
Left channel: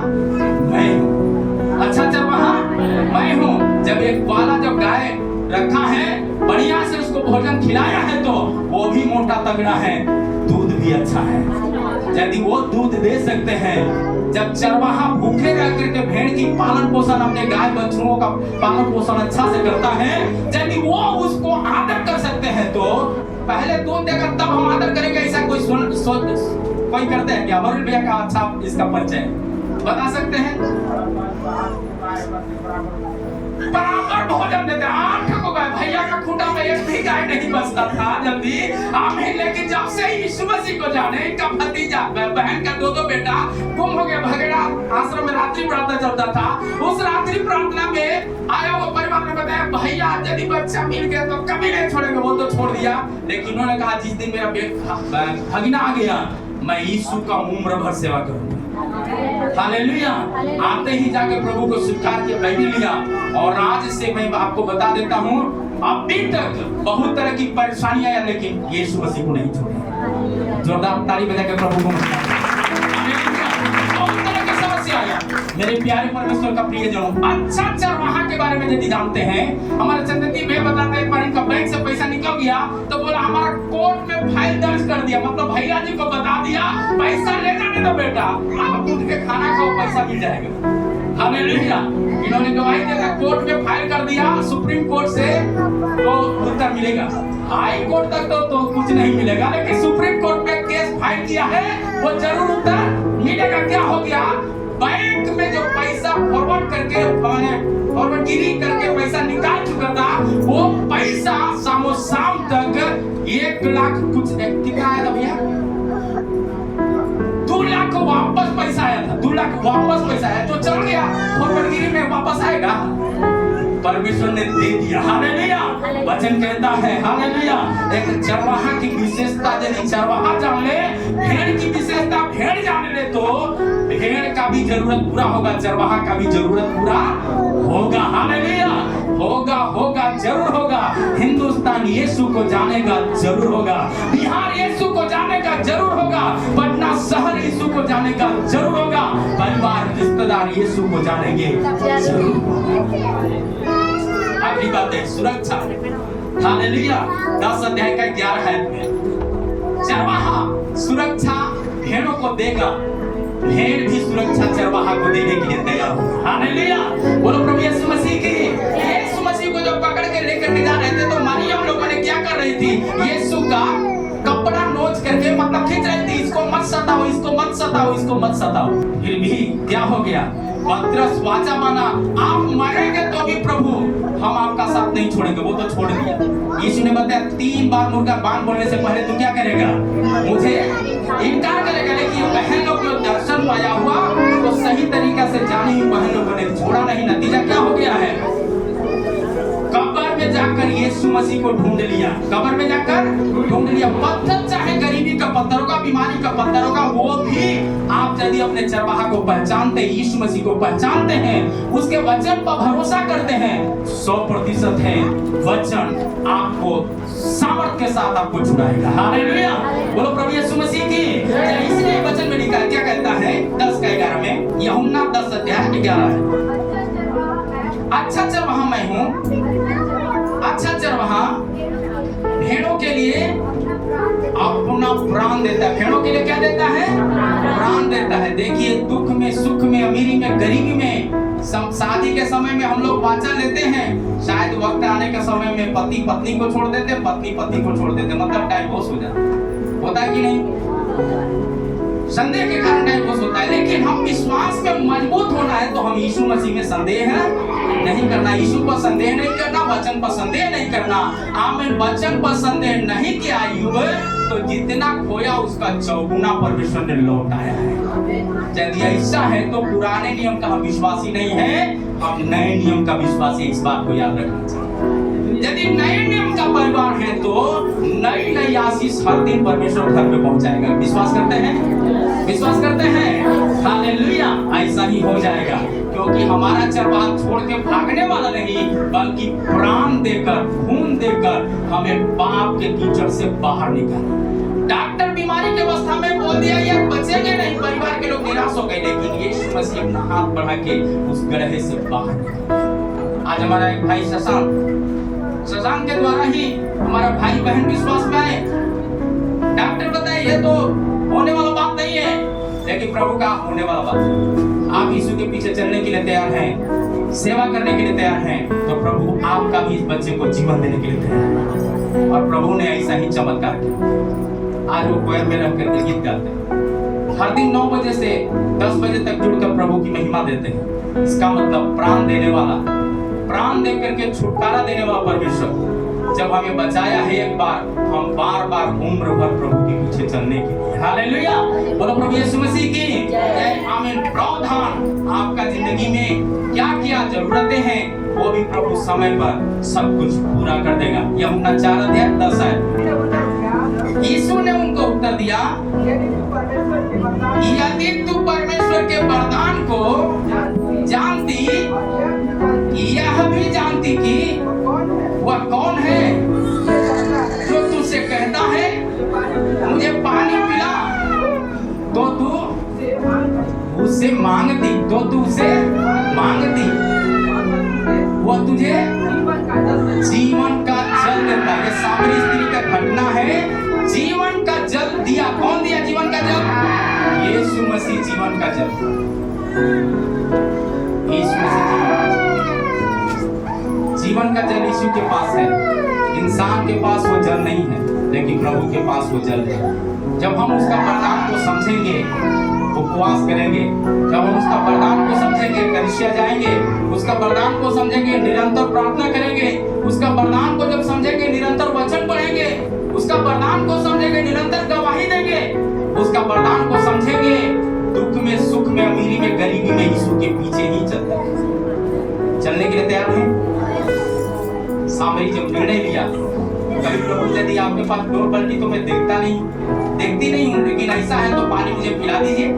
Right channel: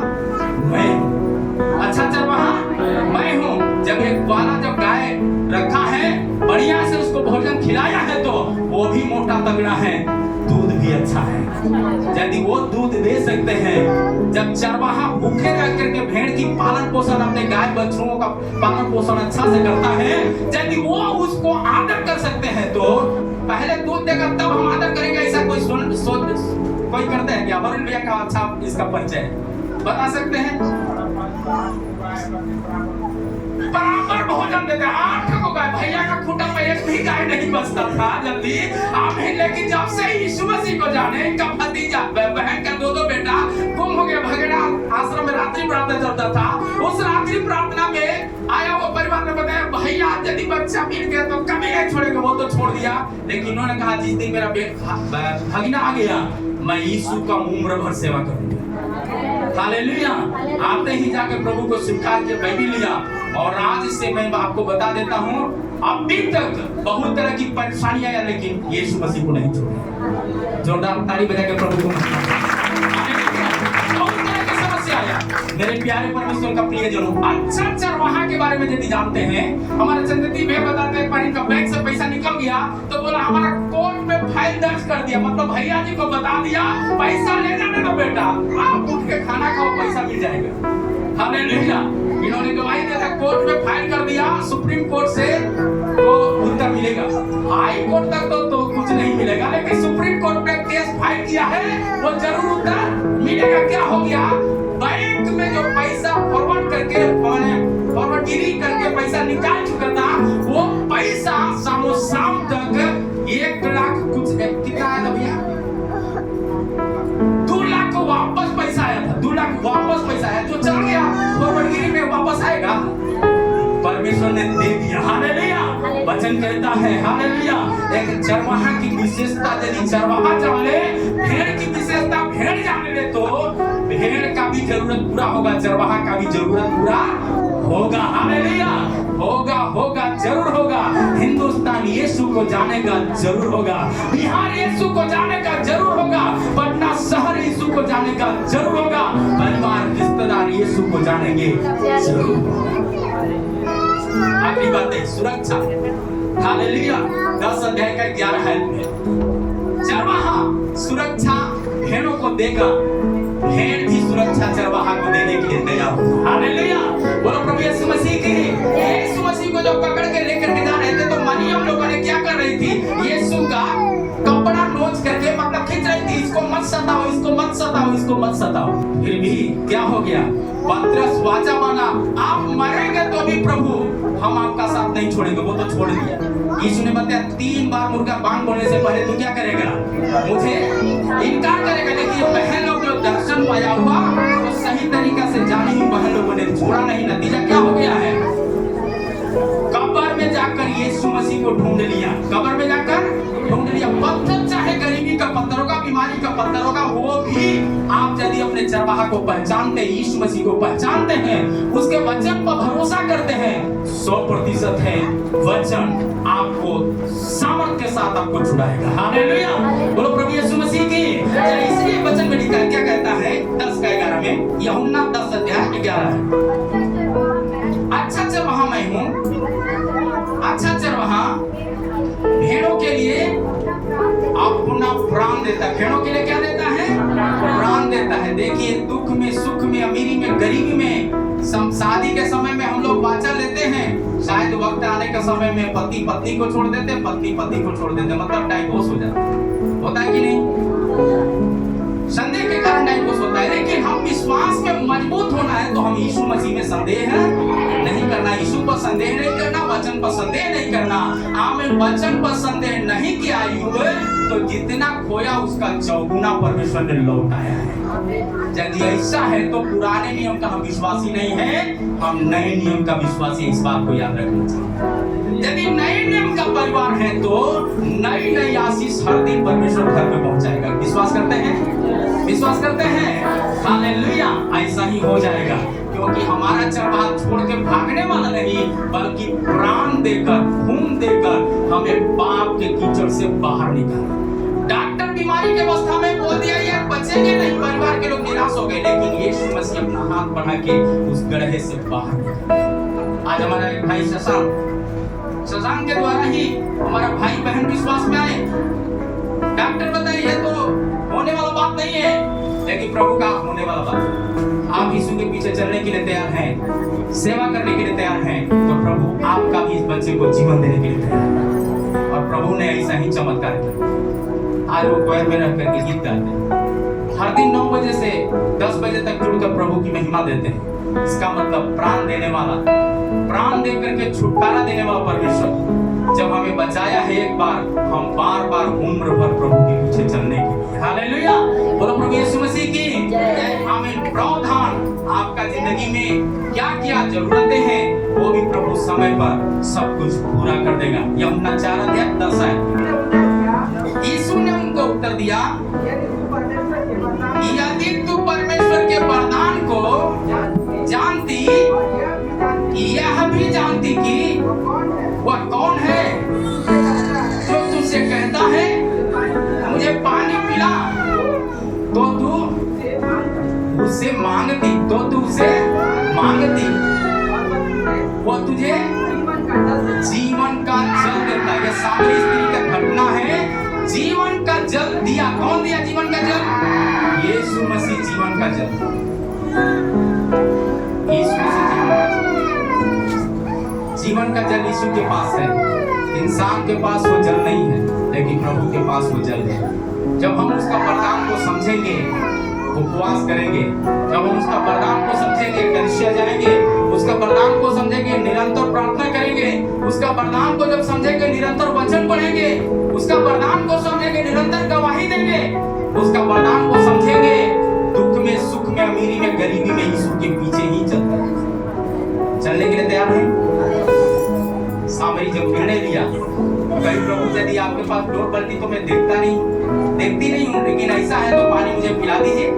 मैं हूँ, अच्छा चरवाहा मैं हूँ। जब एक वाला जब गाय रखा है, बढ़िया से उसको भोजन खिलाया है, तो वो भी मोटा तगड़ा है, दूध भी अच्छा है। यदि वो दूध दे सकते हैं, जब चरवाहा भूखे रह करके भेड़ की पालन पोषण, अपने गाय बछड़ों का पालन पोषण अच्छा से करता है, यदि वो उसको आदर कर सकते हैं, तो पहले दूध देगा तब हम आदर करेंगे, ऐसा कोई करते हैं क्या? वरुण भैया का अच्छा इसका परिचय बता सकते हैं? बराबर भोजन देते, 8 को गाय, भैया का खूंटा पे एक भी गाय नहीं बचता था जल्दी, आमीन। लेकिन जब से यीशु मसीह को जाने, इनका भतीजा बहन का 2 बेटा गुम हो गया, भगेड़ा आश्रम में रात्रि प्रार्थना चलता था, उस रात्रि प्रार्थना में आया वो परिवार ने बताया, भैया यदि बच्चा मिल गया तो कभी नहीं छोड़ेंगे। वो तो छोड़ दिया, लेकिन उन्होंने कहा, जिस दिन मेरा भगीना आ गया, मैं यीशु का उम्र भर सेवा करूंगा। हालेलुया। आते ही जाकर प्रभु को स्वीकार किया, मैं भी लिया, और आज से मैं आपको बता देता हूँ, अभी तक बहुत तरह की परेशानियां आया, लेकिन यीशु मसीह को नहीं छोड़ी। जोरदार ताली बजा के प्रभु को बहुत तरह की समस्या आया। मेरे प्यारे परमेश्वर का प्रियजनों, अच्छा चरवाहा के बारे में यदि जानते हैं, हमारे चंद्रदीप भैया बताते हैं, पर इनका बैंक से पैसा निकल गया तो बोला हमारा कोर्ट में फाइल दर्ज कर दिया, मतलब भैया जी को बता दिया, पैसा ले जाने दो बेटा, आप उठ के खाना खाओ, पैसा मिल जाएगा। हालेलुया। इन्होंने गवाही देकर कोर्ट में फाइल कर दिया, सुप्रीम कोर्ट से तो उत्तर मिलेगा, हाई कोर्ट तक तो कुछ नहीं मिलेगा, लेकिन सुप्रीम कोर्ट में केस फाइल किया है, वो जरूर उत्तर मिलेगा। क्या हो गया? बैंक में जो पैसा फॉरवर्ड करके, मैंने फॉरवर्डगिरी करके पैसा निकाल चुका था, वो पैसा शाम तक 1 लाख कुछ कितना आया था भैया? 2 लाख वापस पैसा आया था, 2 लाख वापस पैसा आया, जो चल गया क्या खोपड़गिरी में वापस आएगा? परमेश्वर ने दे दिया। हालेलुया। वचन कहता है हालेलुया, एक चरवाहा की विशेषता यदि चरवाहा जान ले, भेड़ की विशेषता भेड़ जान ले, तो भेड़ का भी जरूरत पूरा होगा, चरवाहा का भी जरूरत पूरा होगा। हालेलुया। होगा होगा जरूर होगा। हिंदुस्तान यीशु को जानेगा जरूर होगा, बिहार यीशु को जानेगा जरूर होगा, पटना शहर यीशु को जानेगा जरूर होगा, परिवार रिश्तेदार यीशु को जानेंगे जरूर होगा। अगली बात है सुरक्षा। हालेलुया। 10 अध्याय का 11 है में चरवाहा सुरक्षा भेड़ों को देगा, भेड़ भी सुरक्षा चरवाहा को देने के लिए तैयार होगा। हालेलुया। बोलो प्रभु यीशु मसीह की। यीशु मसीह को जब पकड़ के लेकर के जा रहे थे तो मरियम लोगों ने क्या कर रही थी? यीशु का कपड़ा नोच करके मतलब खींच रही थी, इसको मत सताओ, इसको मत सताओ, इसको मत सताओ। फिर भी क्या हो गया? पतरस वाचा माना, आप मरेंगे तो भी प्रभु हम आपका साथ नहीं छोड़ेंगे। वो तो छोड़ दिया। यीशु ने बताया 3 बार मुर्गा बांग बोलने से पहले तू क्या करेगा? मुझे इनकार करेगा। लेकिन बहन लोग जो दर्शन पाया हुआ तो सही तरीका से जानी हुई बहन लोगों ने छोड़ा नहीं। नतीजा क्या हो गया है? कब्र में जाकर यीशु मसीह को ढूंढ लिया, कब्र में जाकर ढूंढ लिया। पत्थर चाहे गरीबी का पत्थर होगा, बीमारी का पत्थर होगा, वो भी आप यदि अपने चरवाहा को पहचानते, यीशु मसीह को पहचानते हैं, उसके वचन पर भरोसा करते हैं, 100% है वचन आपको सामर्थ के साथ आपको छुड़ाएगा। हालेलुया। बोलो प्रभु यीशु मसीह की। इसलिए वचन में लिखा है, क्या कहता है 10 का 11 में, यूहन्ना 10 अध्याय 11 है। अच्छा चरवाहा मैं हूँ, अच्छा चरवाहा भेड़ों के लिए अपना प्राण देता है। भेड़ों के लिए क्या देता है? प्राण देता है। देखिए दुख में, सुख में, अमीरी में, गरीबी में, शादी के समय में हम लोग वाचा लेते हैं, शायद वक्त आने के समय में पति पत्नी को छोड़ देते, पत्नी पति को छोड़ देते, मतलब डाइवोर्स हो जाता है। होता है कि नहीं? संदेह के कारण डाइवोर्स होता है। लेकिन हम विश्वास में मजबूत होना है तो हम यीशु मसीह में संदेह नहीं करना, यीशु पर संदेह नहीं करना, वचन पर संदेह नहीं करना। आमीन। वचन पर संदेह नहीं किया अय्यूब तो जितना खोया उसका चौगुना परमेश्वर ने लौटाया है। यदि ऐसा है तो पुराने नियम का हम विश्वासी नहीं है, हम नए नियम का विश्वासी। इस बात को याद रखना चाहिए। यदि नए नियम का परिवार है तो नई नई आशीष हर दिन परमेश्वर घर में पहुंचाएगा। विश्वास करते हैं? विश्वास करते हैं? हालेलुया। ऐसा ही हो जाएगा क्योंकि हमारा चरवाहा छोड़ के भागने वाला नहीं, बल्कि प्राण देकर, खून देकर हमें पाप के कीचड़ से बाहर निकाला। डॉक्टर बीमारी के अवस्था में बोल दिया यार बचेंगे नहीं, परिवार के लोग निराश हो गए, लेकिन यीशु मसीह अपना हाथ बढ़ा के उस गड्ढे से बाहर निकाला। आज हमारा एक भाई शशांक के द्वारा ही हमारा भाई बहन विश्वास में आए। डॉक्टर बताए ये तो होने वाला बात नहीं है, लेकिन प्रभु का होने वाला बात है। आप यीशु के पीछे चलने के लिए तैयार हैं, सेवा करने के लिए तैयार हैं, तो प्रभु आपका भी इस बच्चे को जीवन देने के लिए तैयार है। और प्रभु ने ऐसा ही चमत्कार किया। आज वो कोयर में रह करके गीत गाते हैं, हर दिन 9 बजे से 10 बजे तक जुड़कर प्रभु की महिमा देते हैं। इसका मतलब प्राण देने वाला, प्राण दे करके छुटकारा देने वाला परमेश्वर जब हमें बचाया है एक बार, हम बार बार उम्र भर प्रभु के पीछे चलने के लिए। हालेलुया। बोलो प्रभु यीशु मसीह की जय। आमीन। प्रावधान आपका जिंदगी में क्या क्या जरूरतें हैं वो भी प्रभु समय पर सब कुछ पूरा कर देगा। यूहन्ना 4 अध्याय 10 है। यीशु ने उनको उत्तर दिया, यदि तू परमेश्वर के वरदान को जानती, यह भी जानती कि वह कौन है जो तुझसे कहता है मुझे पानी पिला, तो तू उससे मांगती, तो तू उसे मांगती, वो तुझे जीवन का जल देता। यह सामरी स्त्री का घटना है। जीवन का जल दिया। कौन दिया जीवन का जल? यीशु मसीह जीवन का जल। यीशु मसीह जीवन का जल यीशु के पास है। इंसान के पास वो जल नहीं है, लेकिन प्रभु के पास वो जल है। जब हम उसका वरदान को समझेंगे, उपवास करेंगे, जब हम उसका वरदान को समझेंगे, कलीसिया जाएंगे, उसका वरदान को समझेंगे, निरंतर प्रार्थना करेंगे, उसका वरदान को जब समझेंगे, निरंतर वचन पढ़ेंगे, उसका वरदान को समझेंगे, निरंतर गवाही देंगे, उसका वरदान को समझेंगे, दुख में, सुख में, अमीरी में, गरीबी में यीशु के पीछे ही चलते हैं। चलने के लिए तैयार हैं? सामरी जब निर्णय लिया, कभी प्रभु यदि आपके पास डोर बल्टी तो मैं देखती नहीं हूँ, लेकिन ऐसा है तो पानी मुझे पिला दीजिए,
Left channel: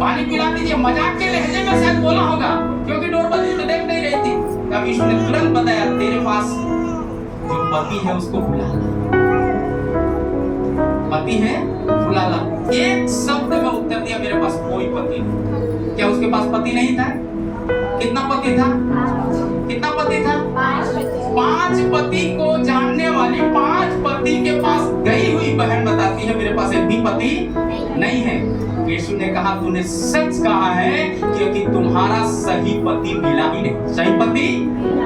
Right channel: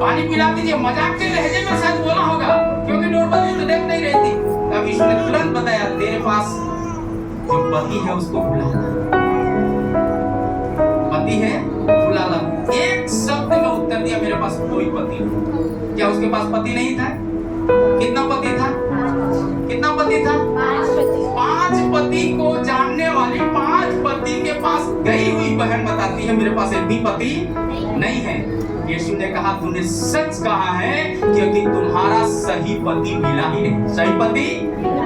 पानी पिला दीजिए। मजाक के लहजे में शायद बोला होगा, क्योंकि डोर बल्टी तो देख नहीं रही थी। तब यीशु ने तुरंत बताया, तेरे पास जो पति है उसको बुला ला, पति है बुला ला। एक शब्द में उत्तर दिया, मेरे पास कोई पति नहीं। क्या उसके पास पति नहीं था? कितना पति था? कितना पति था? 5 पति को जानने वाली 5 पति के पास गई हुई बहन बताती है, मेरे पास एक भी पति नहीं है। यीशु ने कहा, तूने सच कहा है, क्योंकि तुम्हारा सही पति मिला ही नहीं। सही पति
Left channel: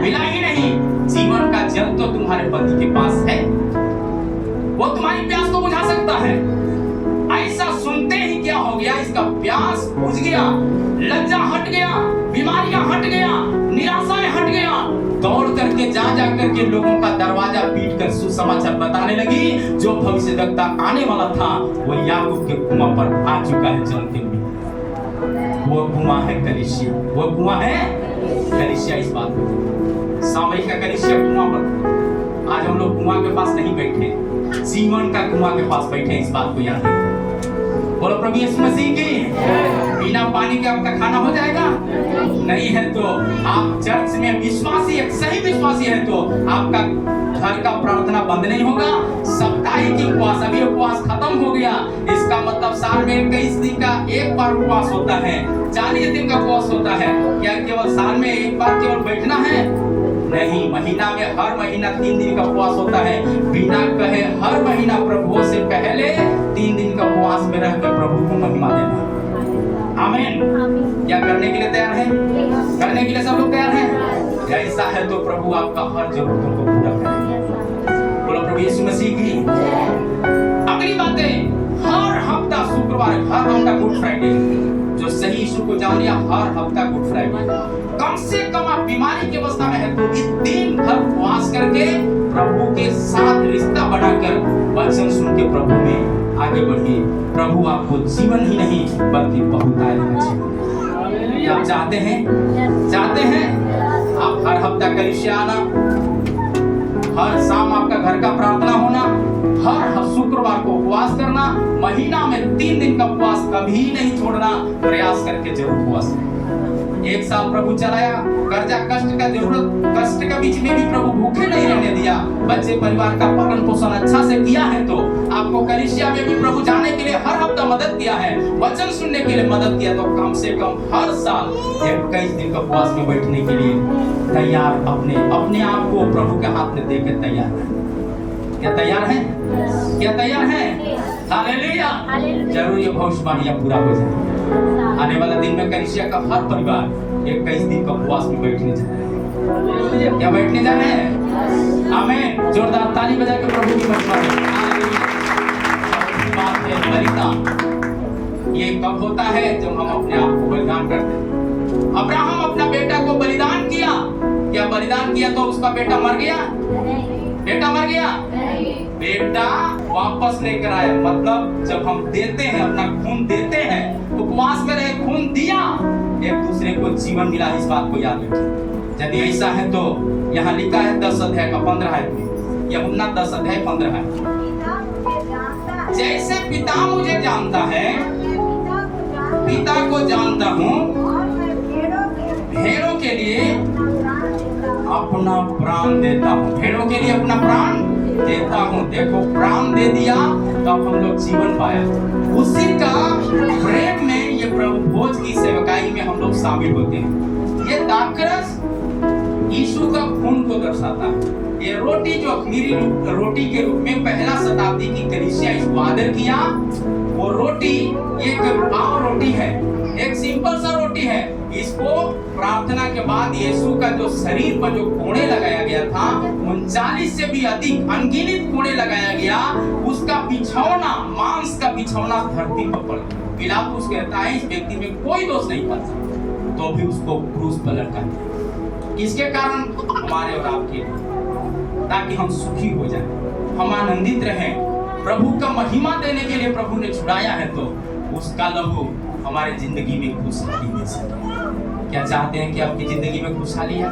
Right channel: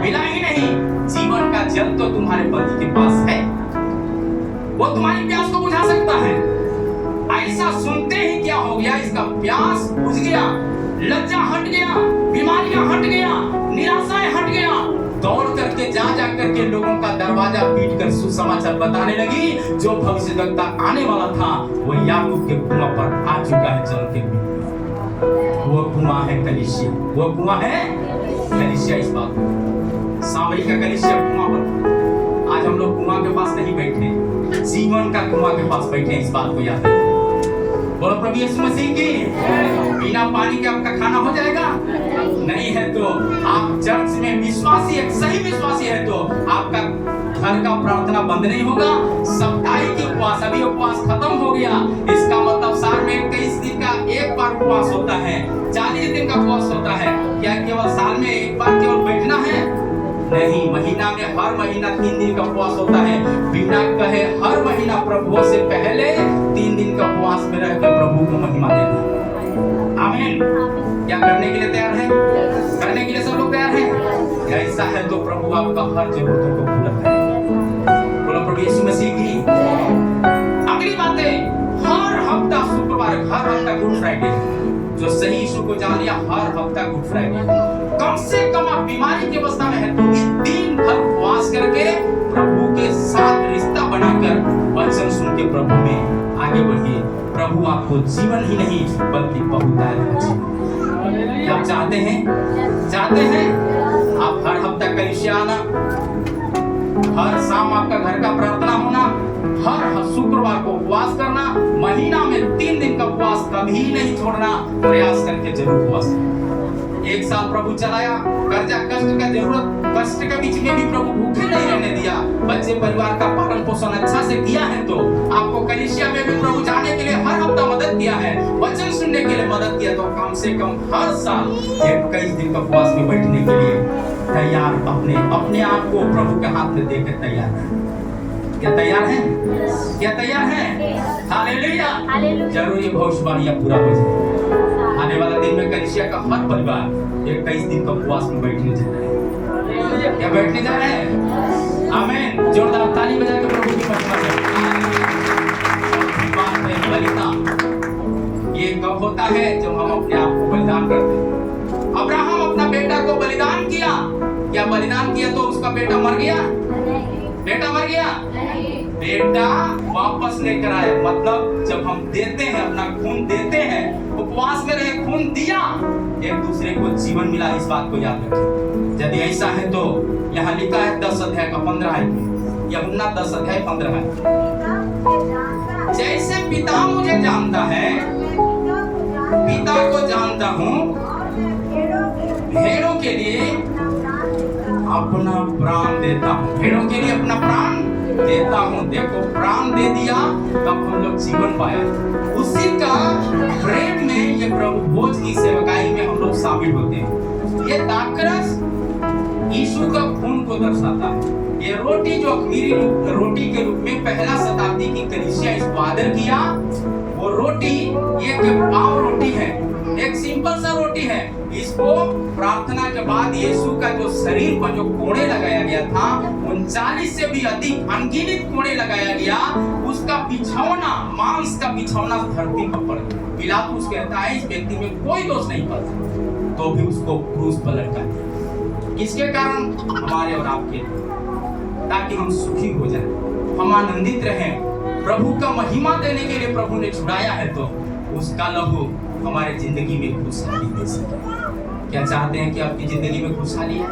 मिला ही नहीं। जीवन का जल तो तुम्हारे पति के पास है, वो तुम्हारी प्यास को बुझा सकता है। ऐसा सुनते ही क्या हो गया, इसका प्यास बुझ गया, लज्जा हट गया, बीमारियां हट गया, निराशाएं हट गया। दौड़ करके जा करके लोगों का दरवाजा पीट कर सुसमाचार बताने लगी। जो भविष्यद्वक्ता आने वाला था वो याकूब के कुआं पर आ चुका है चलते हुए। वो कुआं है कलीसिया, वो कुआं है कलीसिया। इस बात सामयिक का कलीसिया कुआं पर। आज हम लोग कुआं के पास नहीं बैठे, जीवन का कुआं के पास बैठे। इस बात को याद रखें। बोलो प्रभु यीशु मसीह की। बिना पानी के आपका खाना हो जाएगा? नहीं है तो आप चर्च में विश्वासी, एक सही विश्वासी है तो आपका घर का प्रार्थना बंद नहीं होगा। साप्ताहिक उपवास, अभी उपवास खत्म हो गया, इसका मतलब साल में 21 दिन का एक बार उपवास होता है, 40 दिन का उपवास होता है। क्या केवल साल में एक बार केवल बैठना है? नहीं, महीना में हर महीना 3 दिन का उपवास होता है। बिना कहे हर महीना प्रभु से पहले 3 दिन का उपवास में रहकर प्रभु को महिमा देना। आमीन। क्या करने के लिए तैयार है? करने के लिए सब लोग तैयार हैं? ऐसा है तो प्रभु आपका हर जरूरतों को पूरा करेगा। बोलो प्रभु यीशु मसीह की। अगली बातें, हर हफ्ता शुक्रवार, हर हफ्ता गुड फ्राइडे, जो सही यीशु को जान लिया, हर हफ्ता गुड फ्राइडे। कम से कम आप बीमारी की अवस्था में है तो भी दिन भर उपवास करके प्रभु के साथ रिश्ता बनाकर वचन सुन के प्रभु में आगे बढ़िए। प्रभु आपको जीवन ही नहीं बल्कि बहुतायत जीवन। आप चाहते हैं? चाहते हैं? आप हर हफ्ता कलीसिया आना, हर शाम आपका घर का प्रार्थना होना, हर शुक्रवार को उपवास करना, महीना में 3 दिन का उपवास कभी नहीं छोड़ना, प्रयास करके जरूर उपवास। 1 साल प्रभु चलाया, कर्जा कष्ट का जरूरत, कष्ट के बीच में भी प्रभु भूखे नहीं रहने दिया, बच्चे परिवार का पालन पोषण अच्छा से किया है तो आपको कलीसिया में भी प्रभु जाने के लिए हर हफ्ता मदद किया है, वचन सुनने के लिए मदद किया, तो कम से कम हर साल 21 दिन का उपवास में बैठने के लिए तैयार, अपने आप को प्रभु के हाथ में देकर तैयार है। क्या तैयार है? क्या तैयार है? हालेलुया। जरूर ये भविष्यवाणी पूरा हो जाए। आने वाला दिन में कलीसिया का हर परिवार 21 दिन का उपवास में बैठने जा रहे हैं। क्या बैठने जा रहे हैं? आमीन। जोरदार ताली बजा के प्रभु की महिमा करें। बात है बलिदान। ये कब होता है? जब हम अपने आप को बलिदान करते हैं। अब्राहम अपना बेटा को बलिदान किया। क्या बलिदान किया तो उसका बेटा मर गया? बेटा मर गया? बेटा वापस लेकर आए। मतलब जब हम देते हैं, अपना खून देते हैं, उपवास में रहे, खून दिया, एक दूसरे को जीवन मिला। इस बात को याद रखें। यदि ऐसा है तो यहाँ लिखा है 10 अध्याय का 15 है, यूहन्ना 10 अध्याय 15 है। जैसे पिता मुझे जानता है, पिता को जानता हूँ, भेड़ों के लिए अपना प्राण देता हूँ। भेड़ों के लिए अपना प्राण देता हूँ। देखो, प्राण दे दिया तब हम लोग जीवन पाए। उसी का प्रेम में ये प्रभु भोज की सेवकाई में हम लोग शामिल होते हैं। ये दाखरस यीशु का खून को दर्शाता है। ये रोटी जो अख़मीरी रोटी के रूप में पहला शताब्दी की कलीसिया इसको आदर किया, वो रोटी ये पाव रोटी है, एक सिंपल सा रोटी है। इसको प्रार्थना के बाद यीशु का जो शरीर पर जो कोड़े लगाया गया था, 39 से भी अधिक अनगिनत कोड़े लगाया गया, उसका बिछौना, मांस का बिछौना धरती पर पड़ा। पिलातुस कहता है इस व्यक्ति में कोई दोष नहीं पाता, तो भी उसको क्रूस पर लटकाया। इसके कारण हमारे और आपके, ताकि हम सुखी हो जाएं, हम आनंदित रहें। प्रभु का महिमा देने के लिए प्रभु ने छुड़ाया है, तो उसका लहू हमारे जिंदगी में खुशहाली दे सके। क्या चाहते हैं कि आपकी जिंदगी में खुशहाली है?